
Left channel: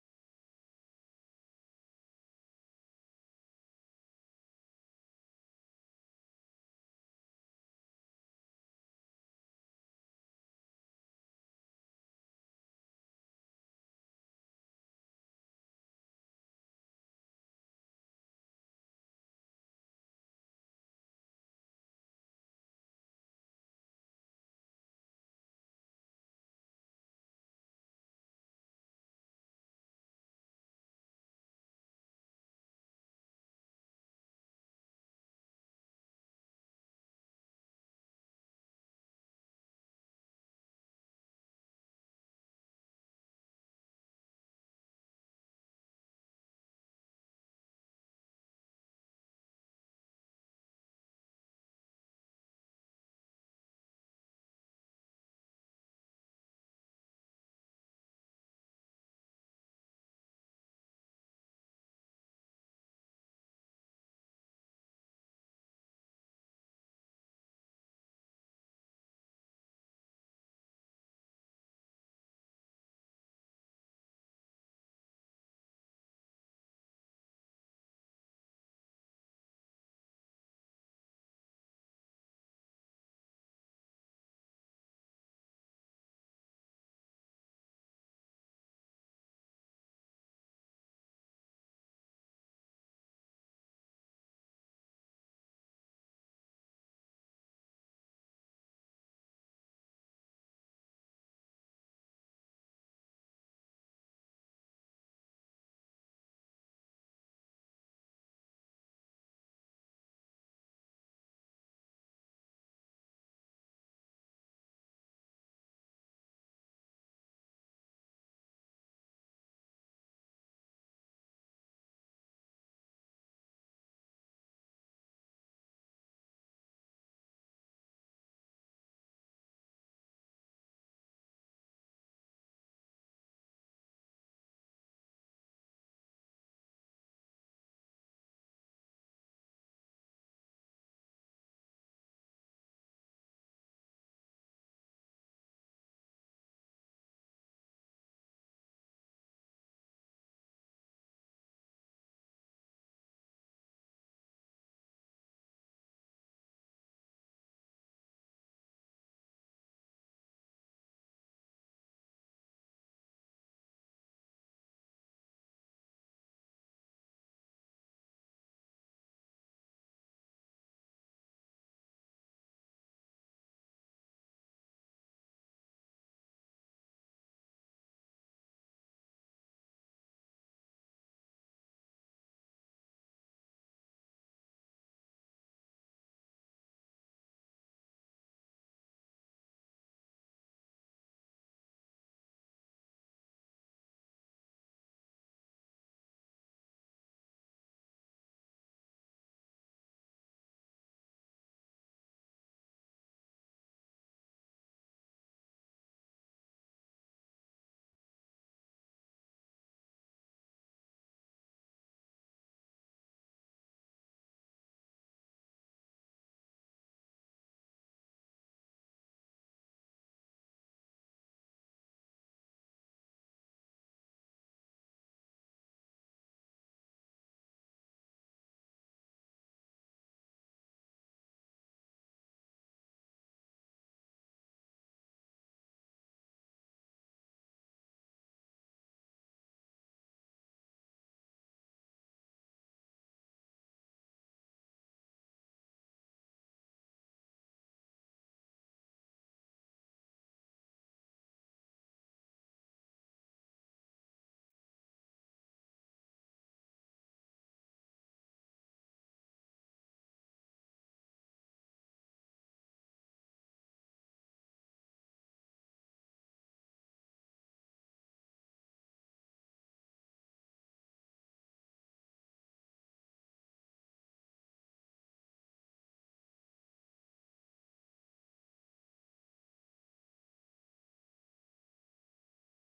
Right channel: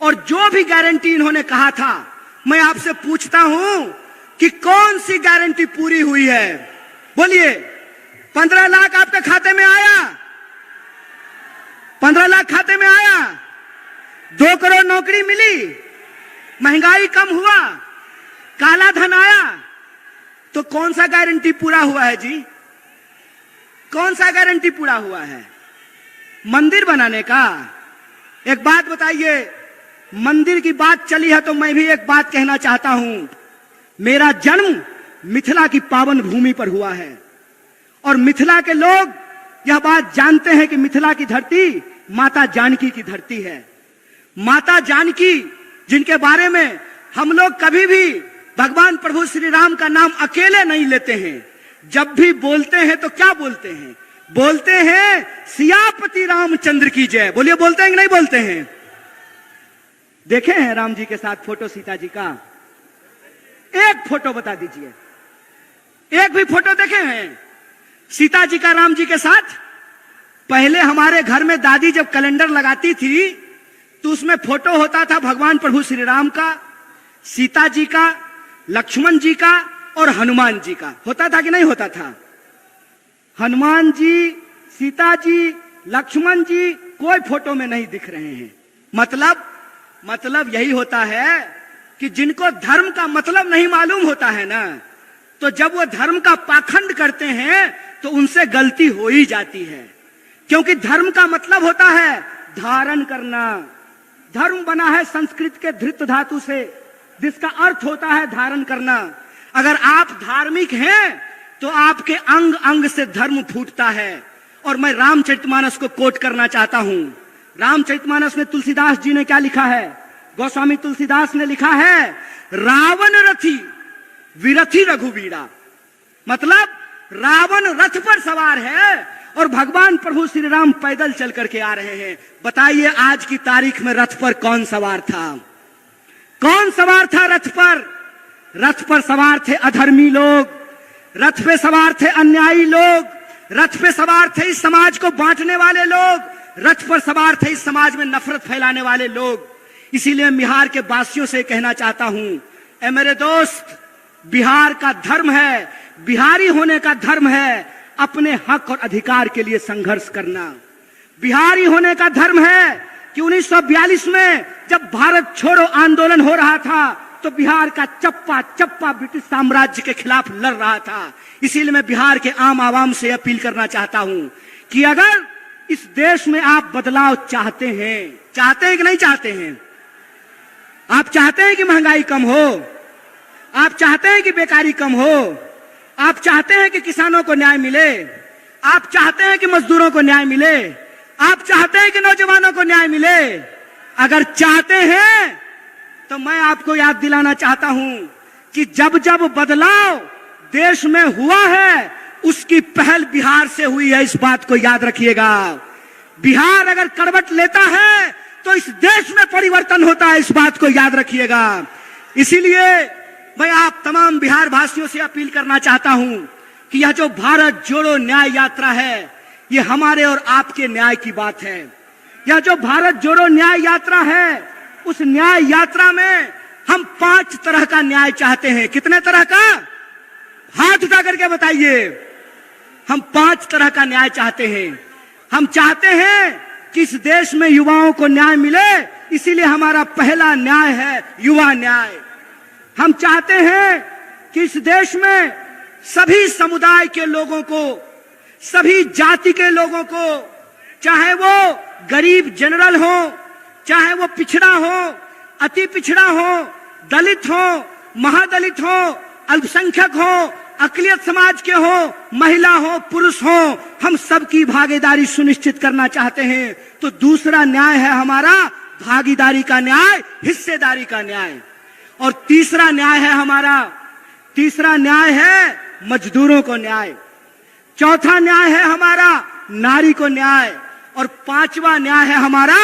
और जो भी गारंटी इन्होंने कहा था, मैं आपसे पूछता हूं कि कौन सी गारंटी पूरी हुई है? बोलिए। 15 लाख आपके खाते में आया? 15 लाख खाते में आया? 2 करोड़ नौकरी मिली? महंगाई कम हुआ? काला धन आया? तो कौन सा गारंटी पूरा हुआ है जी? कौन सा गारंटी पूरा हुआ है? मंदिर बनाने का? एक बात बताइए, मंदिर की बात चली है तो मैं भी एक बात कहना चाहता हूं। मेरा जन्म मिथिला की पावन भूमि पर हुआ है और मिथिला के लोग यह बात जानते हैं कि मिथिला की धरती माता जानकी की धरती है। माता जानकी, जिनके बारे में हम लोग कभी भी भगवान प्रभु श्री राम का नाम अकेले नहीं लेते हैं। जब भी बोलते हैं तो क्या बोलते हैं? बोलते हैं सियापति रामचंद्र की जय। बोलिए, बोलते हैं कि नहीं बोलते हैं? देखे हैं राम जी के साथ फोटो सीता जी का? एक फोटो बता दीजिए, एक भी फोटो देखे हैं सीता जी का राम जी के साथ? पहले हमारे घर में दादी जब कैलेंडर लगाती थी तो उसमें फोटो होता था भगवान प्रभु श्री राम का, सीता जी का, लक्ष्मण जी का और हनुमान जी का। होता था कि नहीं होता था? हनुमान जी, सीता जी, लक्ष्मण जी कोई फोटो में नहीं दिख रहे हैं। मतलब यही होता है कि जिनको धर्म का मतलब नहीं मालूम होता है ना, तो जब वो धर्म का पाखंड करते हैं तो उनसे गलती हो ही जाती है। क्योंकि धर्म का मतलब होता है धारण करना। धर्म बना है संस्कृत के धृत धातु से, जिसका अर्थ होता है धारण करना। अगर आप धार्मिक हैं तो आपके अंग अंग से धर्म फूटता है। और मैं रामचरितमानस को कोट करना चाहता हूं। रामचरितमानस में तुलसीदास जी ने क्या लिखा है? गोस्वामी तुलसीदास ने लिखा है, रावण रथी विरथी रघुवीरा। मतलब रावण रथ पर सवार है और भगवान प्रभु श्री राम पैदल चल करके आ रहे हैं। बताइए आज की तारीख में रथ पर कौन सवार था? कौन सवार था रथ पर? रथ पर सवार थे अधर्मी लोग, रथ पे सवार थे अन्यायी लोग, रथ पे सवार थे इस समाज को बांटने वाले लोग, रथ पर सवार थे इस समाज में नफरत फैलाने वाले लोग। इसीलिए बिहार के वासियों से कहना चाहता हूं, ए मेरे दोस्त, बिहार का धर्म है, बिहारी होने का धर्म है अपने हक और अधिकार के लिए संघर्ष करना। बिहारी होने का धर्म है कि 1942 में जब भारत छोड़ो आंदोलन हो रहा था तो बिहार का चप्पा चप्पा ब्रिटिश साम्राज्य के खिलाफ लड़ रहा था। इसीलिए मैं बिहार के आम आवाम से अपील करना चाहता हूं कि अगर इस देश में आप बदलाव चाहते हैं कि नहीं चाहते हैं? आप चाहते हैं कि महंगाई कम हो? आप चाहते हैं कि बेकारी कम हो, आप चाहते हैं कि किसानों को न्याय मिले, आप चाहते हैं कि मजदूरों को न्याय मिले, आप चाहते हैं कि नौजवानों को न्याय मिले। अगर चाहते हैं तो मैं आपको याद दिलाना चाहता हूं कि जब जब बदलाव देश में हुआ है उसकी पहल बिहार से हुई है, इस बात को याद रखिएगा। बिहार अगर करवट लेता है तो इस देश में परिवर्तन होता है, इस बात को याद रखिएगा। इसीलिए मैं आप तमाम बिहार वासियों से अपील करना चाहता हूं कि यह जो भारत जोड़ो न्याय यात्रा है, ये हमारे और आपके न्याय की बात है। यह जो भारत जोड़ो न्याय यात्रा है, उस न्याय यात्रा में हम 5 तरह का न्याय चाहते हैं। कितने तरह का? हाथ उठा करके बताइए। हम 5 तरह का न्याय चाहते हैं। हम चाहते हैं कि इस देश में युवाओं को न्याय मिले, इसीलिए हमारा पहला न्याय है युवा न्याय। हम चाहते हैं कि इस देश में सभी समुदाय के लोगों को, सभी जाति के लोगों को, चाहे वो गरीब जनरल हो, चाहे वो पिछड़ा हो, अति पिछड़ा हो, दलित हो, महादलित हो, अल्पसंख्यक हो, अकलियत समाज के हो, महिला हो, पुरुष हो, हम सबकी भागीदारी सुनिश्चित करना चाहते हैं। तो दूसरा न्याय है हमारा भागीदारी का न्याय, हिस्सेदारी का न्याय। और तीसरा न्याय है हमारा, तीसरा न्याय है मजदूरों को न्याय। चौथा न्याय है हमारा नारी को न्याय। और 5वां न्याय है हमारा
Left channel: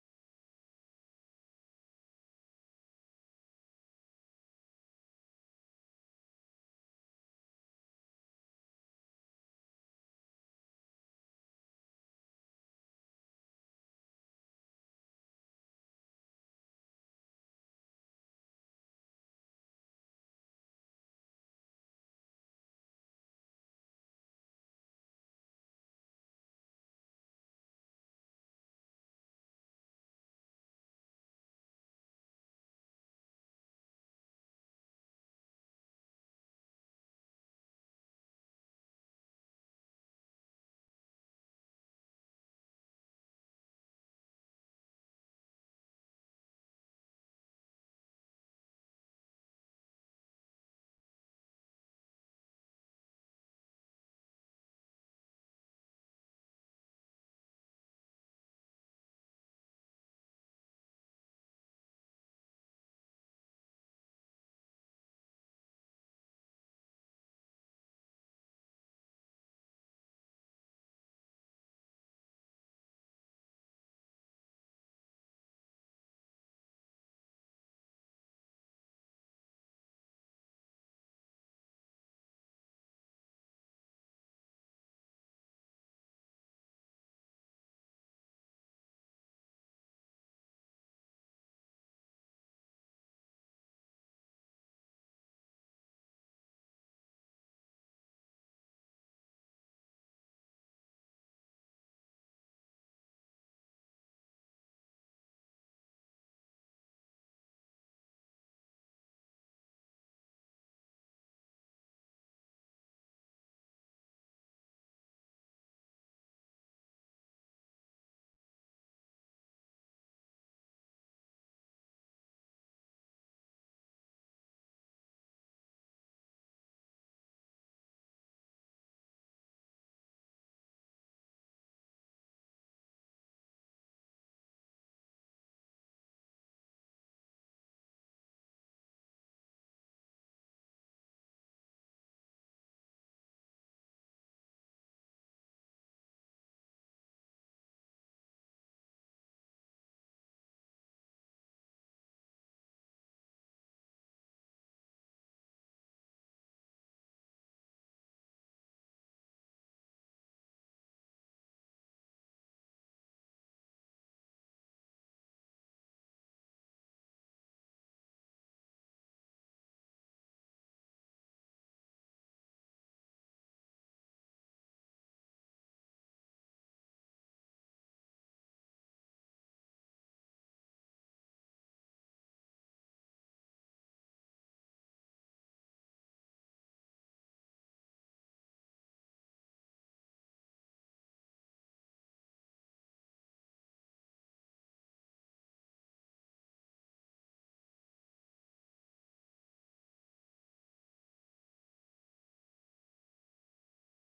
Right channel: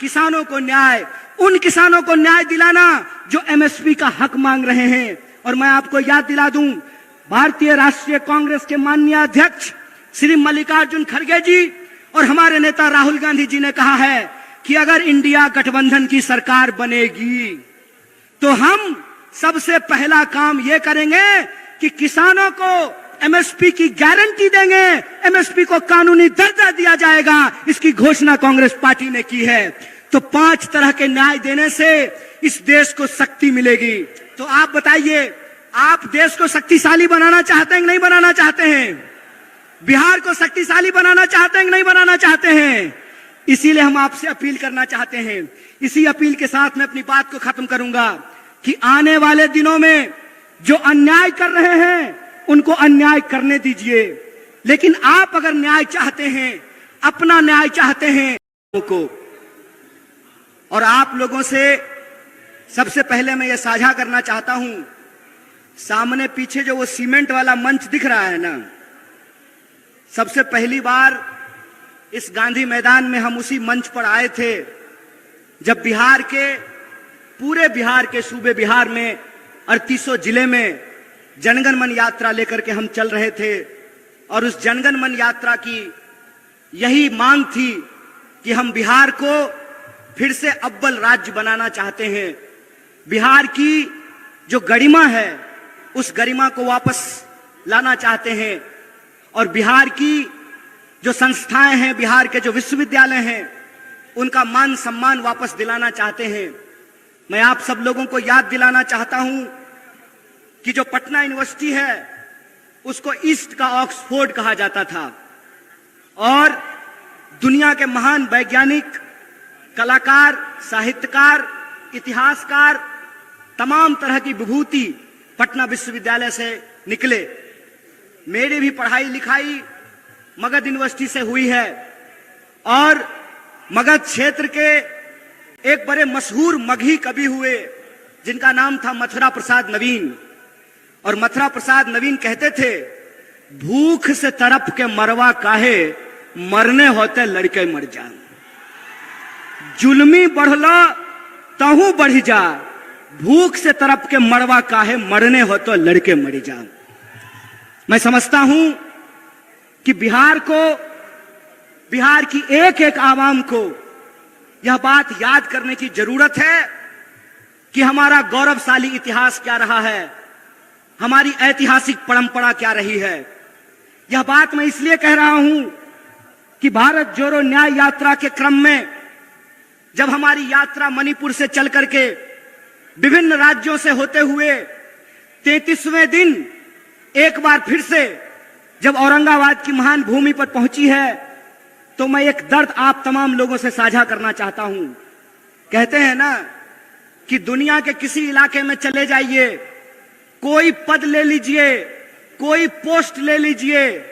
किसानों को न्याय। उन किसानों को न्याय दिलाना जो एमएसपी का हक मांग रहे हैं। और मैं आपको याद दिला दूं, भारतीय राष्ट्रीय कांग्रेस के माननीय अध्यक्ष श्री मल्लिकार्जुन खड़गे जी और हमारे नेता राहुल गांधी जी ने कहा है कि अगर इंडिया गठबंधन की सरकार बनेगी तो हम सबसे पहला काम ये करेंगे कि किसानों को एमएसपी की गारंटी देंगे, एमएसपी को कानूनी दर्जा दिया जाएगा। इसकी घोषणा कांग्रेस पार्टी ने की है। तो 5 तरह के न्याय देने से इस देश को शक्ति मिलेगी। तो आप बताइए, आप देश को शक्तिशाली बनाना चाहते हैं कि नहीं बनाना चाहते हैं? बिहार को शक्तिशाली बनाना चाहते हैं कि नहीं बनाना चाहते हैं? इसीलिए हम आपसे अपील करना चाहते हैं। इसी अपील के साथ मैं अपनी बात को खत्म करूंगा कि आने वाले दिनों में जो अन्याय कर रहे हैं उनको अन्याय करने दीजिए, लेकिन आप अगर न्याय चाहते हैं, अपना न्याय चाहते हैं को, और आप लोगों से सबसे पहले मैं ये साझा करना चाहता हूं, सामने पीछे जो वो सीमेंट वाला मंच दिख रहा है ना, सबसे पहली बार इस गांधी मैदान में हम उसी मंच पर आए थे जब बिहार के, पूरे बिहार के सूबे बिहार में 3800 जिले में जनगण मन यात्रा लेकर के हम चल रहे थे। और उस जनगण मन यात्रा की यही मांग थी कि हम बिहार को फिर से अव्वल राज्य बनाना चाहते हैं। बिहार की जो गरिमा है उस गरिमा को वापस लाना चाहते हैं, और बिहार की जो संस्थाएं हैं, बिहार के जो विश्वविद्यालय हैं, उनका मान सम्मान वापस दिलाना चाहते हैं। मैं आप सब लोगों को याद दिलाना चाहता हूं कि जो पटना यूनिवर्सिटी है उसको ईस्ट का ऑक्सफोर्ड कहा जाता था, और दुनिया के महान वैज्ञानिक, कलाकार, साहित्यकार, इतिहासकार, तमाम तरह की विभूति पटना विश्वविद्यालय से निकले। मेरी भी पढ़ाई लिखाई मगध यूनिवर्सिटी से हुई है, और मगध क्षेत्र के एक बड़े मशहूर मगही कवि हुए जिनका नाम था मथुरा प्रसाद नवीन। और मथुरा प्रसाद नवीन कहते थे, भूख से तड़प के मरवा काहे, मरने होते लड़के मर जा। जुल्मी बढ़ला तहू बढ़ी जा, भूख से तड़प के मरवा काहे, मरने हो तो लड़के मर जा। मैं समझता हूं कि बिहार को, बिहार की एक एक आवाम को यह बात याद करने की जरूरत है कि हमारा गौरवशाली इतिहास क्या रहा है, हमारी ऐतिहासिक परंपरा क्या रही है। यह बात मैं इसलिए कह रहा हूं कि भारत जोड़ो न्याय यात्रा के क्रम में जब हमारी यात्रा मणिपुर से चल करके विभिन्न राज्यों से होते हुए 33वें दिन एक बार फिर से जब औरंगाबाद की महान भूमि पर पहुंची है, तो मैं एक दर्द आप तमाम लोगों से साझा करना चाहता हूं। कहते हैं ना कि दुनिया के किसी इलाके में चले जाइए, कोई पद ले लीजिए, कोई पोस्ट ले लीजिए,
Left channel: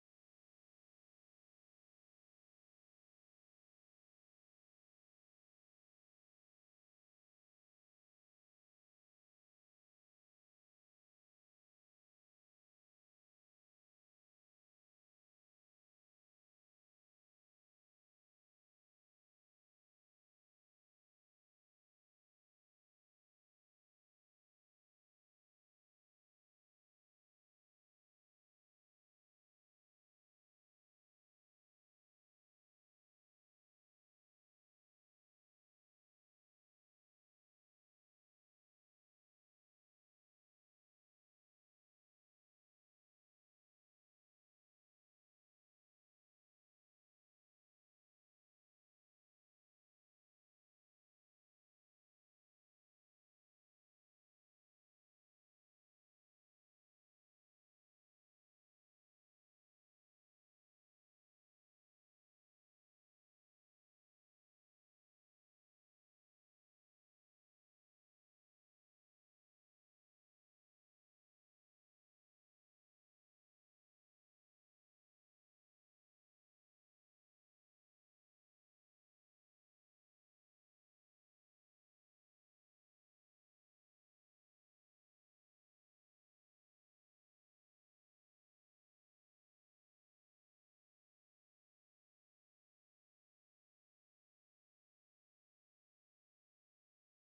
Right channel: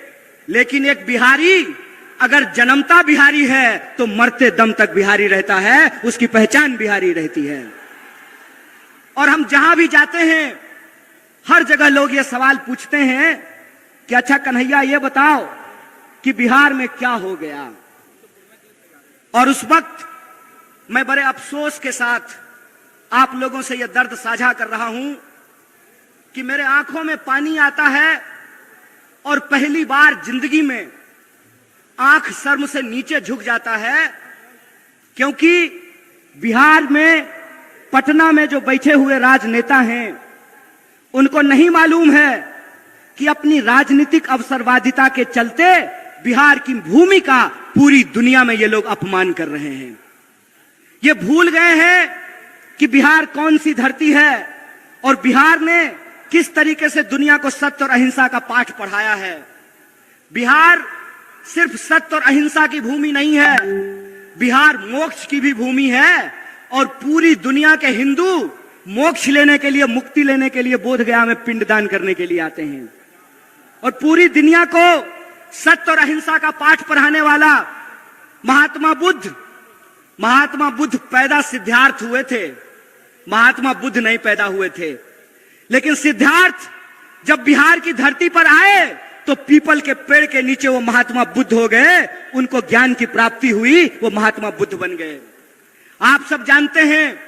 लेकिन एक बिहारी अगर जन्मता बिहारी है तो मरते दम तक बिहारी रहता है, उसकी पहचान बिहारी रहती है। और हम जहां भी जाते हैं हर जगह लोग ये सवाल पूछते हैं कि अच्छा कन्हैया ये बताओ कि बिहार में क्या हो गया। और उस वक्त मैं बड़े अफसोस के साथ आप लोगों से यह दर्द साझा कर रहा हूं कि मेरे आंखों में पानी आता है और पहली बार जिंदगी में आंख शर्म से नीचे झुक जाता है, क्योंकि बिहार में पटना में जो बैठे हुए राजनेता हैं उनको नहीं मालूम है कि अपनी राजनीतिक अवसरवादिता के चलते बिहार की भूमि का पूरी दुनिया में ये लोग अपमान कर रहे हैं। ये भूल गए हैं कि बिहार कौन सी धरती है और बिहार ने किस तरीके से दुनिया को सत्य और अहिंसा का पाठ पढ़ाया है। बिहार सिर्फ सत्य और अहिंसा की भूमि नहीं है, बिहार मोक्ष की भी भूमि है। और पूरी दुनिया के हिंदू मोक्ष लेने के लिए, मुक्ति लेने के लिए बोधगया में पिंडदान करने के लिए आते हैं। और पूरी दुनिया को सत्य और अहिंसा का पाठ पढ़ाने वाला महात्मा बुद्ध पैदा सिद्धार्थ हुए थे, महात्मा बुद्ध नहीं पैदा हुए थे। लेकिन सिद्धार्थ जब बिहार की धरती पर आए तो पीपल के पेड़ के नीचे वो महात्मा बुद्ध हो गए, उनको ज्ञान की प्राप्ति हुई, वो महात्मा बुद्ध बन गए। आप सब जानते हैं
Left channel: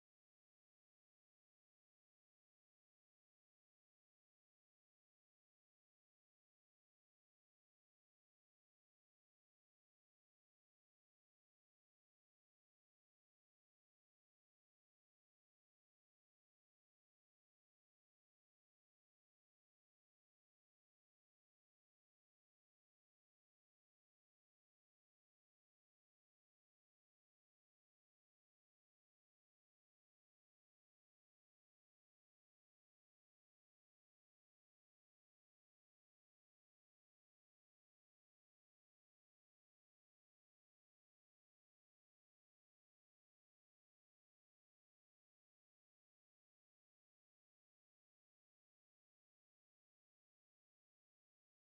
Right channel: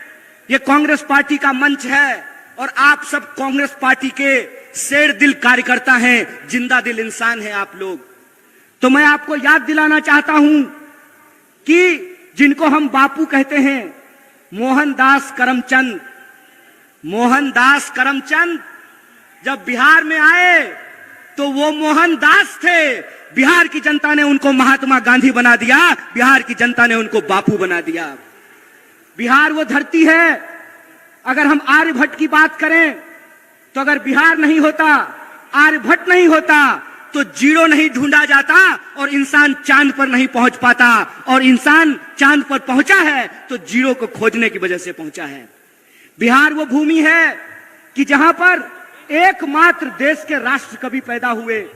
ये कांग्रेस पार्टी का मंच है और आप सब कांग्रेस पार्टी के शेर दिल कार्यकर्ता हैं, जिंदा दिल इंसान हैं आप लोग। तो मैं आपको याद दिलाना चाहता हूं कि जिनको हम बापू कहते हैं, मोहनदास करमचंद जब बिहार में आए तो वो मोहनदास थे। बिहार की जनता ने उनको महात्मा गांधी बना दिया, बिहार की जनता ने उनको बापू बना दिया। बिहार वो धरती है, अगर हम आर्यभट्ट की बात करें तो अगर बिहार नहीं होता, आर्यभट्ट नहीं होता तो जीरो नहीं ढूंढा जाता और इंसान चांद पर नहीं पहुंच पाता। और इंसान चांद पर पहुंचा है तो जीरो को खोजने की वजह से पहुंचा है। बिहार वो भूमि है कि जहां पर एकमात्र देश के राष्ट्र कवि पैदा हुए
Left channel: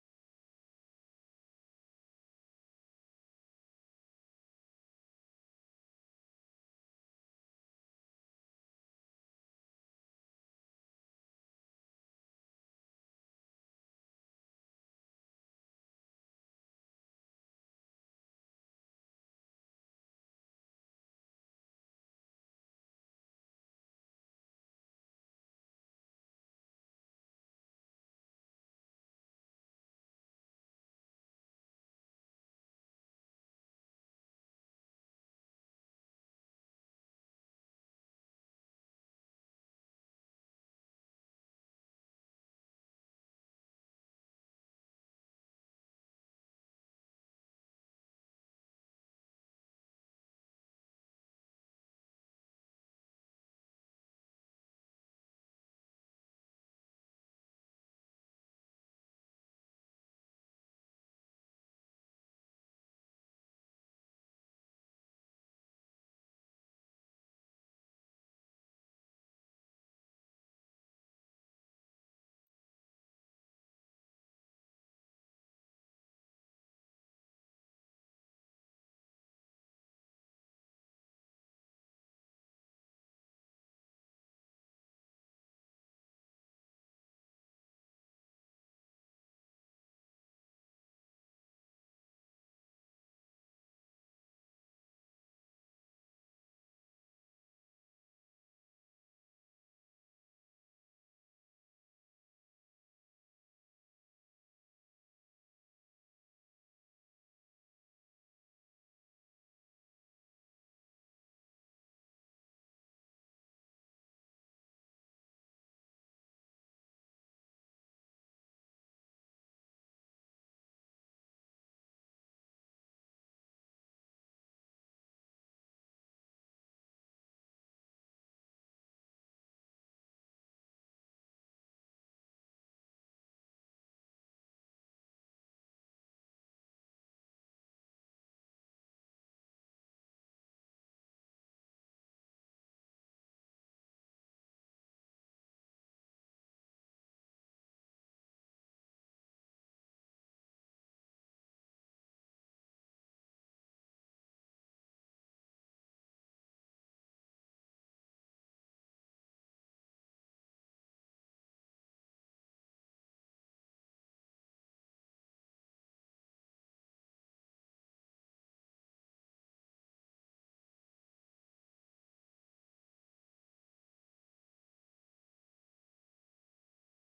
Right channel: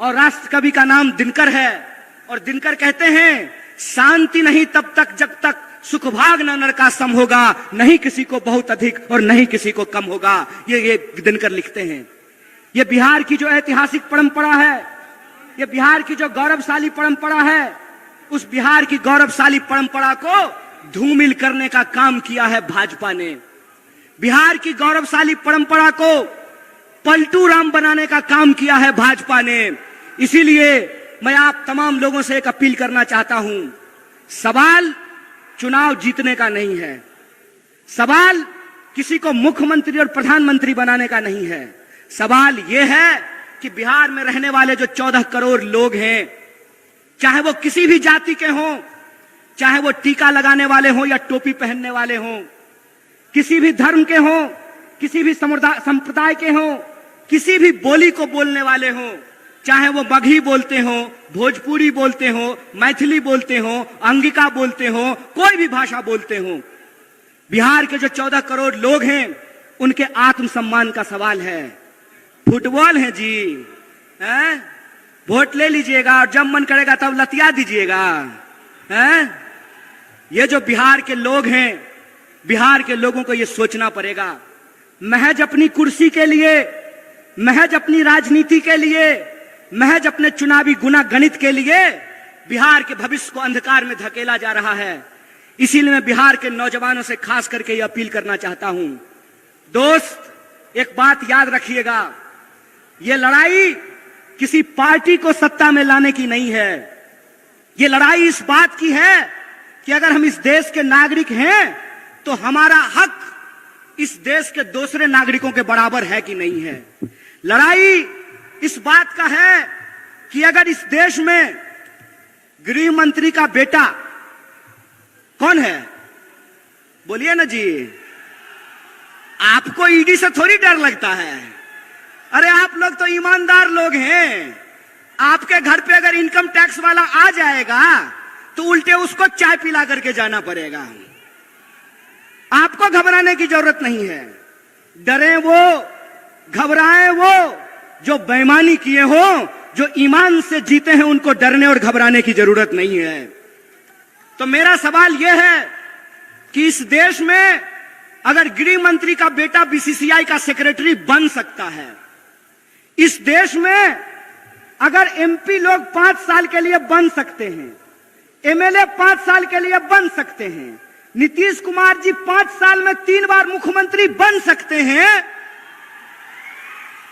और राष्ट्र कवि का नाम दिनकर है। और दिनकर कहते हैं शांति नहीं तब तक जब तक सुख भाग न नर का सम होगा, नहीं किसी को बहुत अधिक और नहीं किसी को कम होगा। ये दिनकर लिखते हैं। ये बिहार की जो ऐतिहासिक परंपरा है, ये बिहार की जो गौरवशाली परंपरा है, उस बिहार की गौरवशाली परंपरा को धूमिल करने का काम किया है भाजपा ने। बिहार की गौरवशाली परंपरा को पलटू राम बनाने का काम किया है भाजपा ने। इसीलिए मैं आप तमाम लोगों से एक अपील करना चाहता हूं, सवाल चुनाव जीतने का नहीं है, सवाल किसी को मुख्यमंत्री और प्रधानमंत्री बनाने का नहीं है। सवाल यह है कि बिहार में रहने वाले जो 14 करोड़ लोग हैं, चाहे वो किसी भी जाति के हों, चाहे वो टीका लगाने वाले हों या टोपी पहनने वाले हों, किसी भी धर्म के हों, किसी भी संप्रदाय के हों, किसी भी बोली को बोलने वाले हों, चाहे वो मगही बोलते हों, भोजपुरी बोलते हों, मैथिली बोलते हों, अंगिका बोलते हों, कोई भी भाषा बोलते हों, बिहार के जो 14 करोड़ लोग हैं उनके आत्मसम्मान का सवाल है। फुटबॉल है जी, हैं? वोट ले लीजिएगा और जब मन करेगा तब लतिया दीजिएगा, हैं? ये जो बिहार के लोग हैं, बिहार के लोगों को ये सोचना पड़ेगा। महज अपनी कुर्सी के लिए, महज अपनी राजनीति के लिए, महज अपने चुनावी गुना गणित के लिए बिहार के भविष्य को अंधकार में धकेला जा रहा है। इसीलिए मैं बिहार के नौजवानों से खास करके ये अपील करना चाहता हूं, दोस्त एक बात याद रखिएगा, ये लड़ाई किसी पार्टी को सत्ता में लाने की नहीं है। ये लड़ाई इस बात की है कि अगर हम इस देश के नागरिक हैं तो हमारा हक इस देश के दूसरे नागरिकों के बराबर है कि नहीं है। लड़ाई इस बात का है कि अगर इस देश में गृह मंत्री का बेटा कौन है, बोलिए ना जी, आपको ईडी से थोड़ी डर लगता है। अरे आप लोग तो ईमानदार लोग हैं। आपके घर पे अगर इनकम टैक्स वाला आ जाएगा तो उल्टे उसको चाय पिला करके जाना पड़ेगा। आपको घबराने की जरूरत नहीं है। डरे वो घबराए वो जो बेईमानी किए हो, जो ईमान से जीते हैं उनको डरने और घबराने की जरूरत नहीं है। तो मेरा सवाल यह है कि इस देश में अगर गृह मंत्री का बेटा बीसीसीआई का सेक्रेटरी बन सकता है, इस देश में अगर एमपी लोग 5 साल के लिए बन सकते हैं, एमएलए 5 साल के लिए बन सकते हैं, नीतीश कुमार जी 5 साल में 3 बार मुख्यमंत्री बन सकते हैं,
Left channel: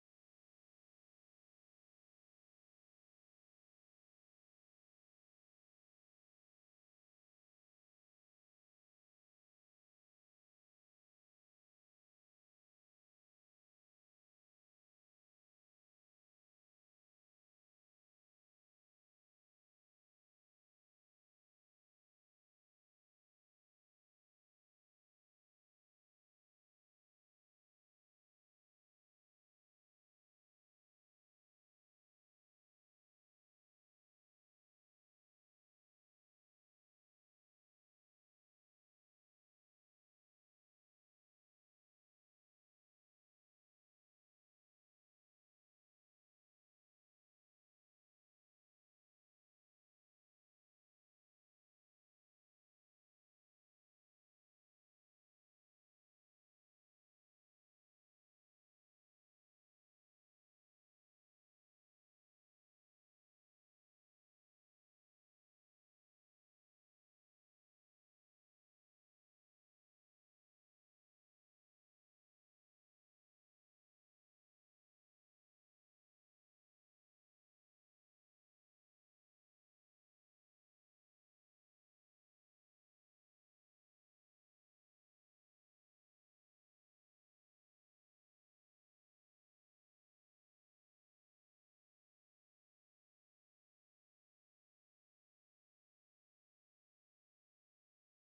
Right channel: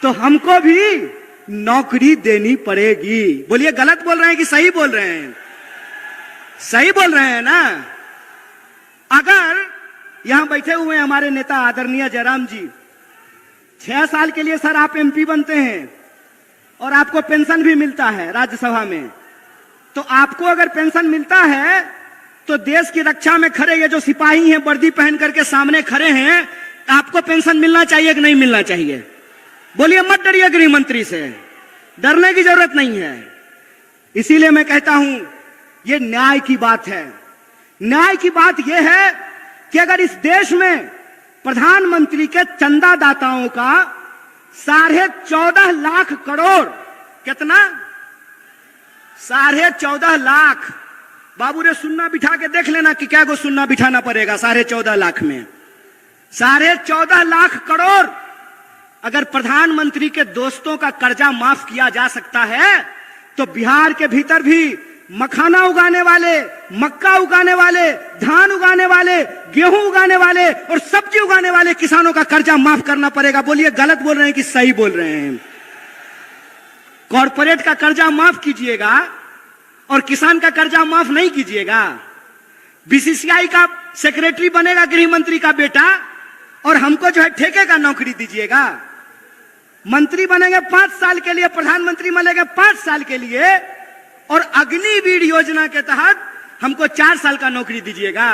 तो हमको भी नौकरी देनी पड़ेगी। बोलिए गलत बोल रहे हैं कि सही बोल रहे हैं? सही बोल रहे हैं ना? अगर यहां बैठे हुए हमारे नेता आदरणीय जयराम जी, 6 साल के लिए सर आप एमपी बनते हैं और आपको पेंशन भी मिलता है राज्यसभा में, तो आपको अगर पेंशन मिलता है तो देश की रक्षा में खड़े ये जो सिपाही हैं वर्दी पहन करके सामने खड़े हैं, आपको पेंशन मिलना चाहिए कि नहीं मिलना चाहिए? बोलिए, मत डरिए गृह मंत्री से, डरने की जरूरत नहीं है। इसीलिए मैं कहता हूं ये न्याय की बात है। न्याय की बात यह है कि अगर इस देश में प्रधानमंत्री के चंदादाताओं का 14.5 लाख करोड़, कितना? 14.5 लाख। बाबू रे सुन्ना बिठा के देख लेना कि क्या को सुन्ना बिठाना पड़ेगा 14.5 लाख में। 14.5 लाख करोड़ अगर प्रधानमंत्री के दोस्तों का कर्जा माफ किया जा सकता है, तो बिहार के भीतर भी मखाना उगाने वाले, मक्का उगाने वाले, धान उगाने वाले, गेहूं उगाने वाले और सब्जी उगाने वाले किसानों का कर्जा माफ करना पड़ेगा। बोलिए गलत बोल रहे हैं कि सही बोल रहे हैं? कॉर्पोरेट का कर्जा माफ कीजिएगा और किसान का कर्जा माफ नहीं कीजिएगा। बीसीसीआई का सेक्रेटरी बनेगा गृह मंत्री का बेटा और हमको जो है ठेके का नौकरी दीजिएगा। मंत्री बनेंगे 5 साल के लिए, प्रधानमंत्री बनेंगे 5 साल के लिए और अग्निवीर योजना के तहत हमको 4 साल का नौकरी दीजिएगा।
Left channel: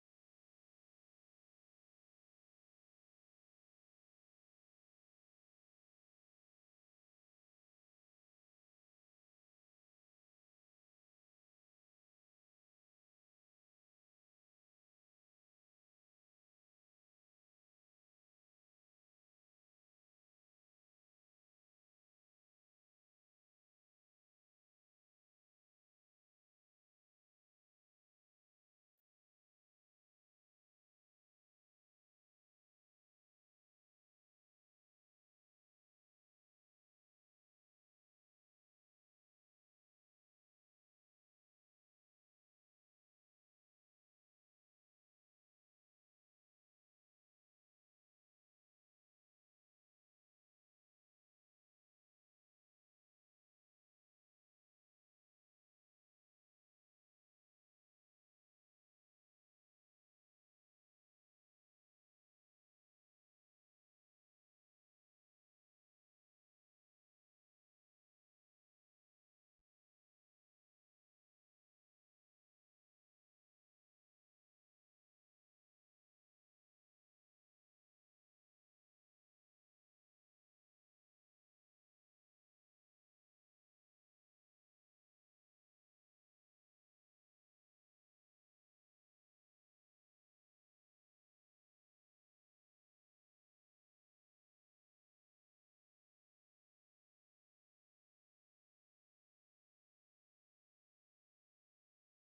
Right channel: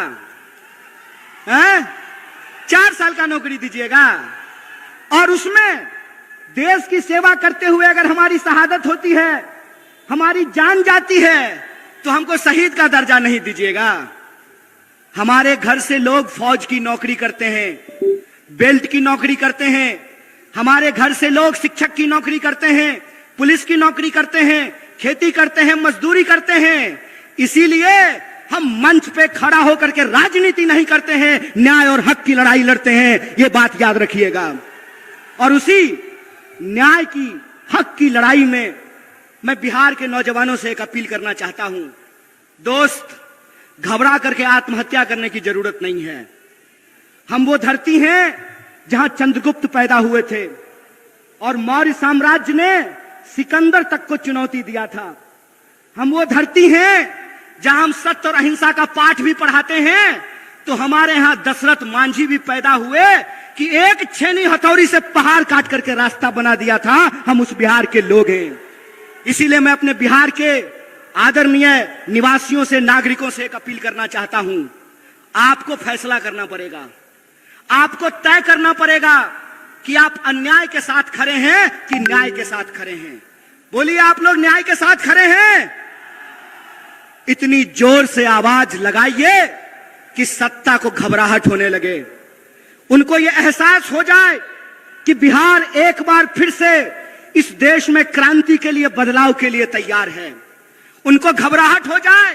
4 साल का नौकरी दीजिएगा और उसमें देश की सेवा करते हुए अगर हमारी शहादत होती है, हमारी जान जाती है, तो हमको शहीद का दर्जा नहीं दीजिएगा। हमारे घर से लोग फौज की नौकरी करते हैं, बेल्ट की नौकरी करते हैं, हमारे घर से लोग शिक्षक की नौकरी करते हैं, पुलिस की नौकरी करते हैं, खेती करते हैं, मजदूरी करते हैं। इसीलिए हम मंच पे खड़ा होकर के राजनीति नहीं करते हैं, न्याय और हक की लड़ाई लड़ते हैं। ये बात याद रखिएगा। और उसी न्याय की, हक की लड़ाई में मैं बिहार के नौजवानों से एक अपील करना चाहता हूं। दोस्त, घबरा करके आत्महत्या करने की जरूरत नहीं है। हम वो धरती हैं जहां चंद्रगुप्त पैदा हुए थे और मौर्य साम्राज्य ने सिकंदर तक को चुनौती दिया था। हम वो धरती हैं जहां हम सत्य और अहिंसा का पाठ भी पढ़ाते हैं। तो हमारे यहां दशरथ मांझी भी पैदा हुए कि एक छेनी हथौड़ी से पहाड़ काट करके रास्ता बना दिया था। हम उस बिहार के लोग हैं। इसीलिए मैं अपने बिहार के आदरणीय निवासियों से, नागरिकों से एक अपील करना चाहता हूं। आपको फैसला करना पड़ेगा, आपको तय करना पड़ेगा कि आप अन्याय के साथ खड़े हैं कि न्याय के साथ खड़े हैं। बोलिए, आप लोग न्याय के साथ खड़े हैं? इतनी जोर से आवाज लगाइए कि सत्ता को घबराहट होने लगे, उनको यह एहसास हो जाए कि बिहार एक बार फिर से इस देश में क्रांति के लिए, बदलाव के लिए तैयार है। उनको घबराहट हो जाए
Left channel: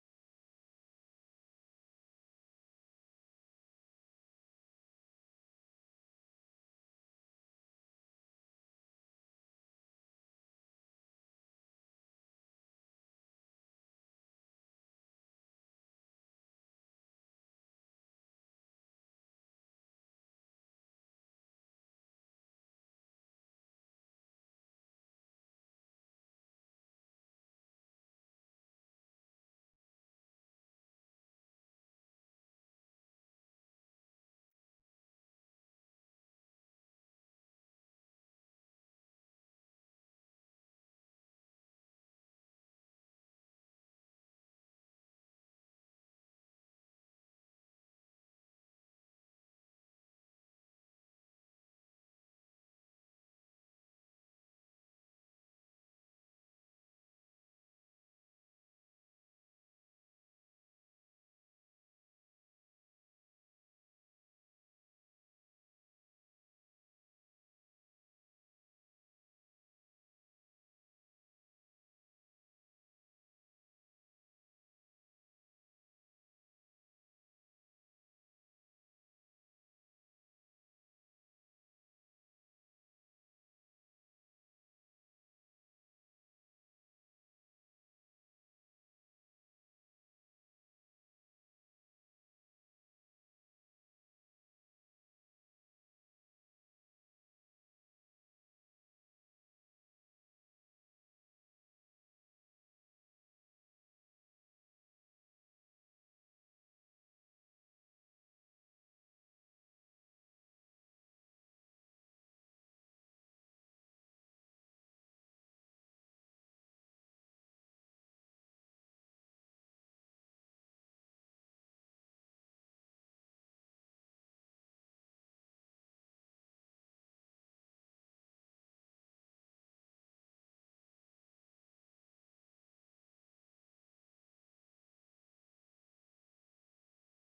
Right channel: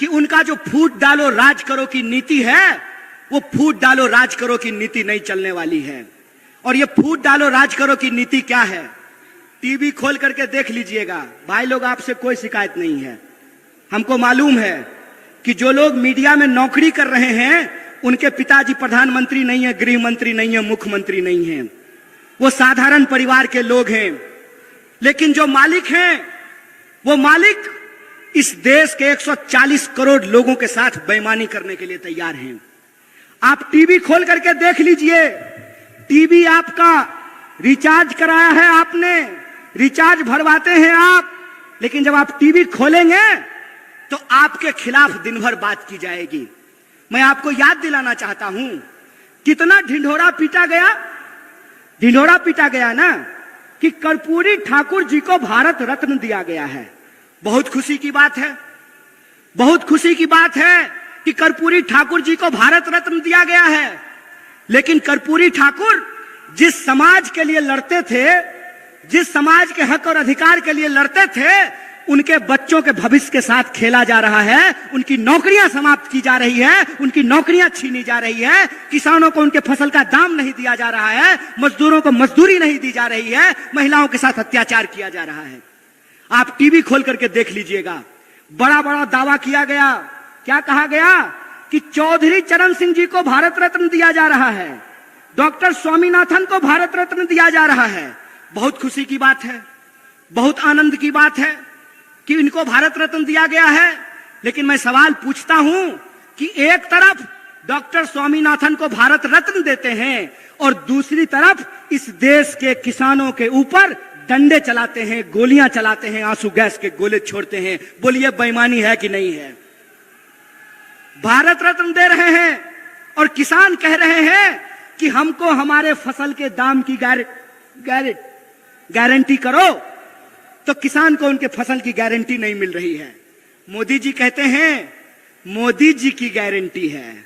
कि उनका जो फूट डालो राज करो की नीति है, वो फूट डालो राज करो की नीति नहीं चलने वाली है। और ये फूट डालो राज करो की नीति क्या है? टीवी खोल करके देख लीजिएगा। भाई लोग, आपसे कोई शिकायत नहीं है। हमको मालूम है कि जो लोग मीडिया में नौकरी कर रहे हैं उनके पिताजी प्रधानमंत्री नहीं है, गृह मंत्री नहीं है, मुख्यमंत्री नहीं है। वो साधारण परिवार के लोग हैं। लेकिन जो मालिक हैं, वो मालिक इस देश के 140 करोड़ लोगों के साथ बेईमानी करने के लिए तैयार हैं। आप टीवी खोल करके देख लीजिए। टीवी आपका रिचार्ज कराया है आपने, रिचार्ज भरवाते हैं आप, लेकिन जब आप टीवी खोलेंगे तो आपके खिलाफ दिन भर बात की जाएगी। मैं आपको याद दिलाना चाहता हूं, कितना ढिंढोरा पीटा गया। ढिंढोरा पीटा गया ना कि कर्पूरी ठाकुर जी को भारत रत्न दिया गया है। बहुत खुशी की बात है, बहुत खुशी की बात है कि कर्पूरी ठाकुर जी को भारत रत्न दिया गया है। लेकिन कर्पूरी ठाकुर जिस समाज के लिए लड़ते थे, जिस समाज के हक और अधिकार के लिए लड़ते थे, उनके बच्चों के भविष्य के साथ खेला जा रहा है। उनकी नौकरियां समाप्त की जा रही है, उनकी नौकरियां छीनी जा रही है, किसानों को उनके फसल का दाम नहीं दिया जा रहा है, मजदूरों को मजदूरी नहीं दी जा रही है, महिलाओं के साथ अत्याचार किया जा रहा है। आप टीवी खोल करके देख लीजिएगा, बड़ा बड़ा दावा किया गया। क्या कहा गया कि चौधरी चरण सिंह जी को भारत रत्न दिया जा रहा है, डॉक्टर स्वामीनाथन को भारत रत्न दिया जा रहा है। बहुत खुशी की बात है, बहुत आनंद की बात है कि इनको भारत रत्न दिया गया है। लेकिन मैं सवाल पूछता हूं कि एक तरफ डॉक्टर स्वामीनाथन को भारत रत्न देते हैं और दूसरी तरफ इस देश के किसानों के ऊपर डंडे चलाते हैं, गोलियां चलाते हैं, आंसू गैस के गोले छोड़ते हैं। बोलिए बेईमानी है कि नहीं है? भारत रत्न दे रहे हैं और किसान कह रहे हैं कि हमको हमारे फसल के दाम की गारंटी करो, तो किसान को उनके फसल की गारंटी नहीं मिल रही है। मोदी जी कहते हैं मोदी जी की गारंटी है।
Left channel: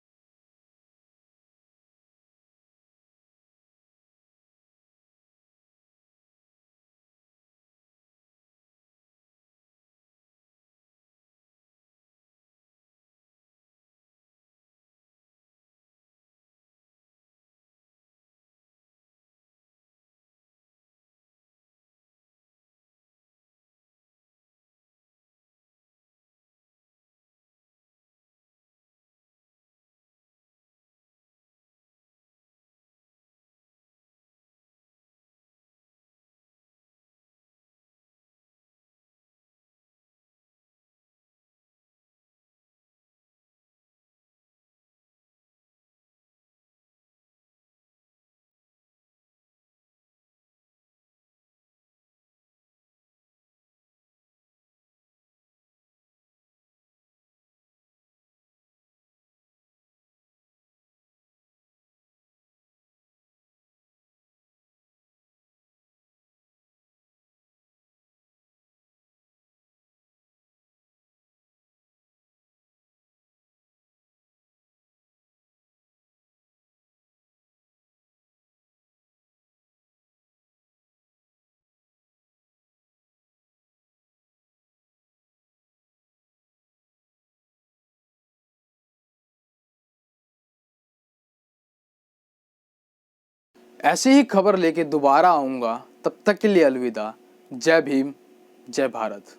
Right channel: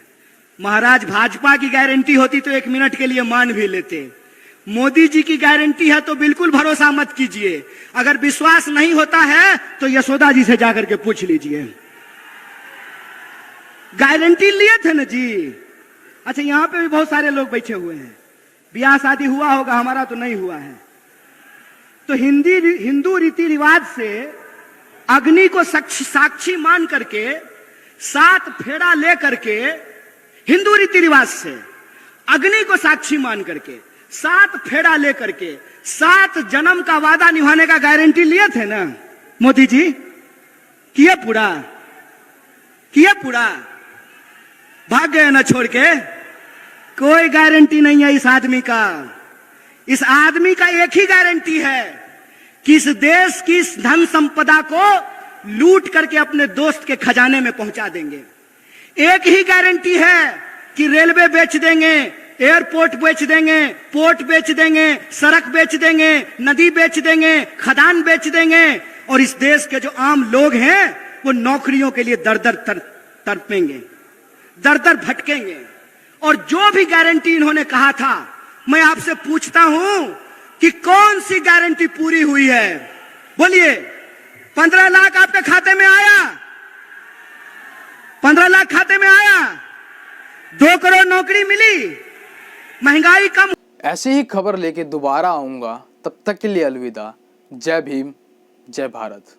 महाराज भाजपा की गारंटी होती तो 1 मिनट के लिए मान भी लेते। मोदी जी की गारंटी है तो बिल्कुल भरोसा मत कीजिए। अगर विश्वास नहीं होता है तो यशोदा जी से जाकर के पूछ लीजिए। गारंटी लिए थे ना जी। अच्छा, यहां पे भी बहुत सारे लोग बैठे हुए हैं, ब्याह शादी हुआ होगा, हमारा तो नहीं हुआ है। तो हिंदू रीति रिवाज से अग्नि को साक्षी मान करके 7 फेरा ले करके, हिंदू रीति रिवाज से अग्नि को साक्षी मान करके 7 फेरा ले करके 7 जन्म का वादा निभाने का गारंटी लिए थे ना मोदी जी। किए पूरा? भाग गए ना छोड़ के? कोई गारंटी नहीं है इस आदमी का। इस आदमी का एक ही गारंटी है कि इस देश की धन संपदा को लूट करके अपने दोस्त के खजाने में पहुंचा देंगे। एक ही गारंटी है कि रेलवे बेच देंगे, एयरपोर्ट बेच देंगे, पोर्ट बेच देंगे, सड़क बेच देंगे, नदी बेच देंगे, खदान बेच देंगे, और इस देश के जो आम लोग हैं वो नौकरियों के लिए दर दर तड़पेंगे, दर दर भटकेंगे। और जो भी गारंटी इन्होंने कहा था, मैं आपसे पूछता हूं कि कौन सी गारंटी पूरी हुई है? बोलिए। 15 लाख आपके खाते में आया? 15 लाख खाते में आया? 2 करोड़ नौकरी मिली? महंगाई कम? ऐसी ही खबर लेके दोबारा आऊंगा, तब तक के लिए अलविदा। जय भीम, जय भारत।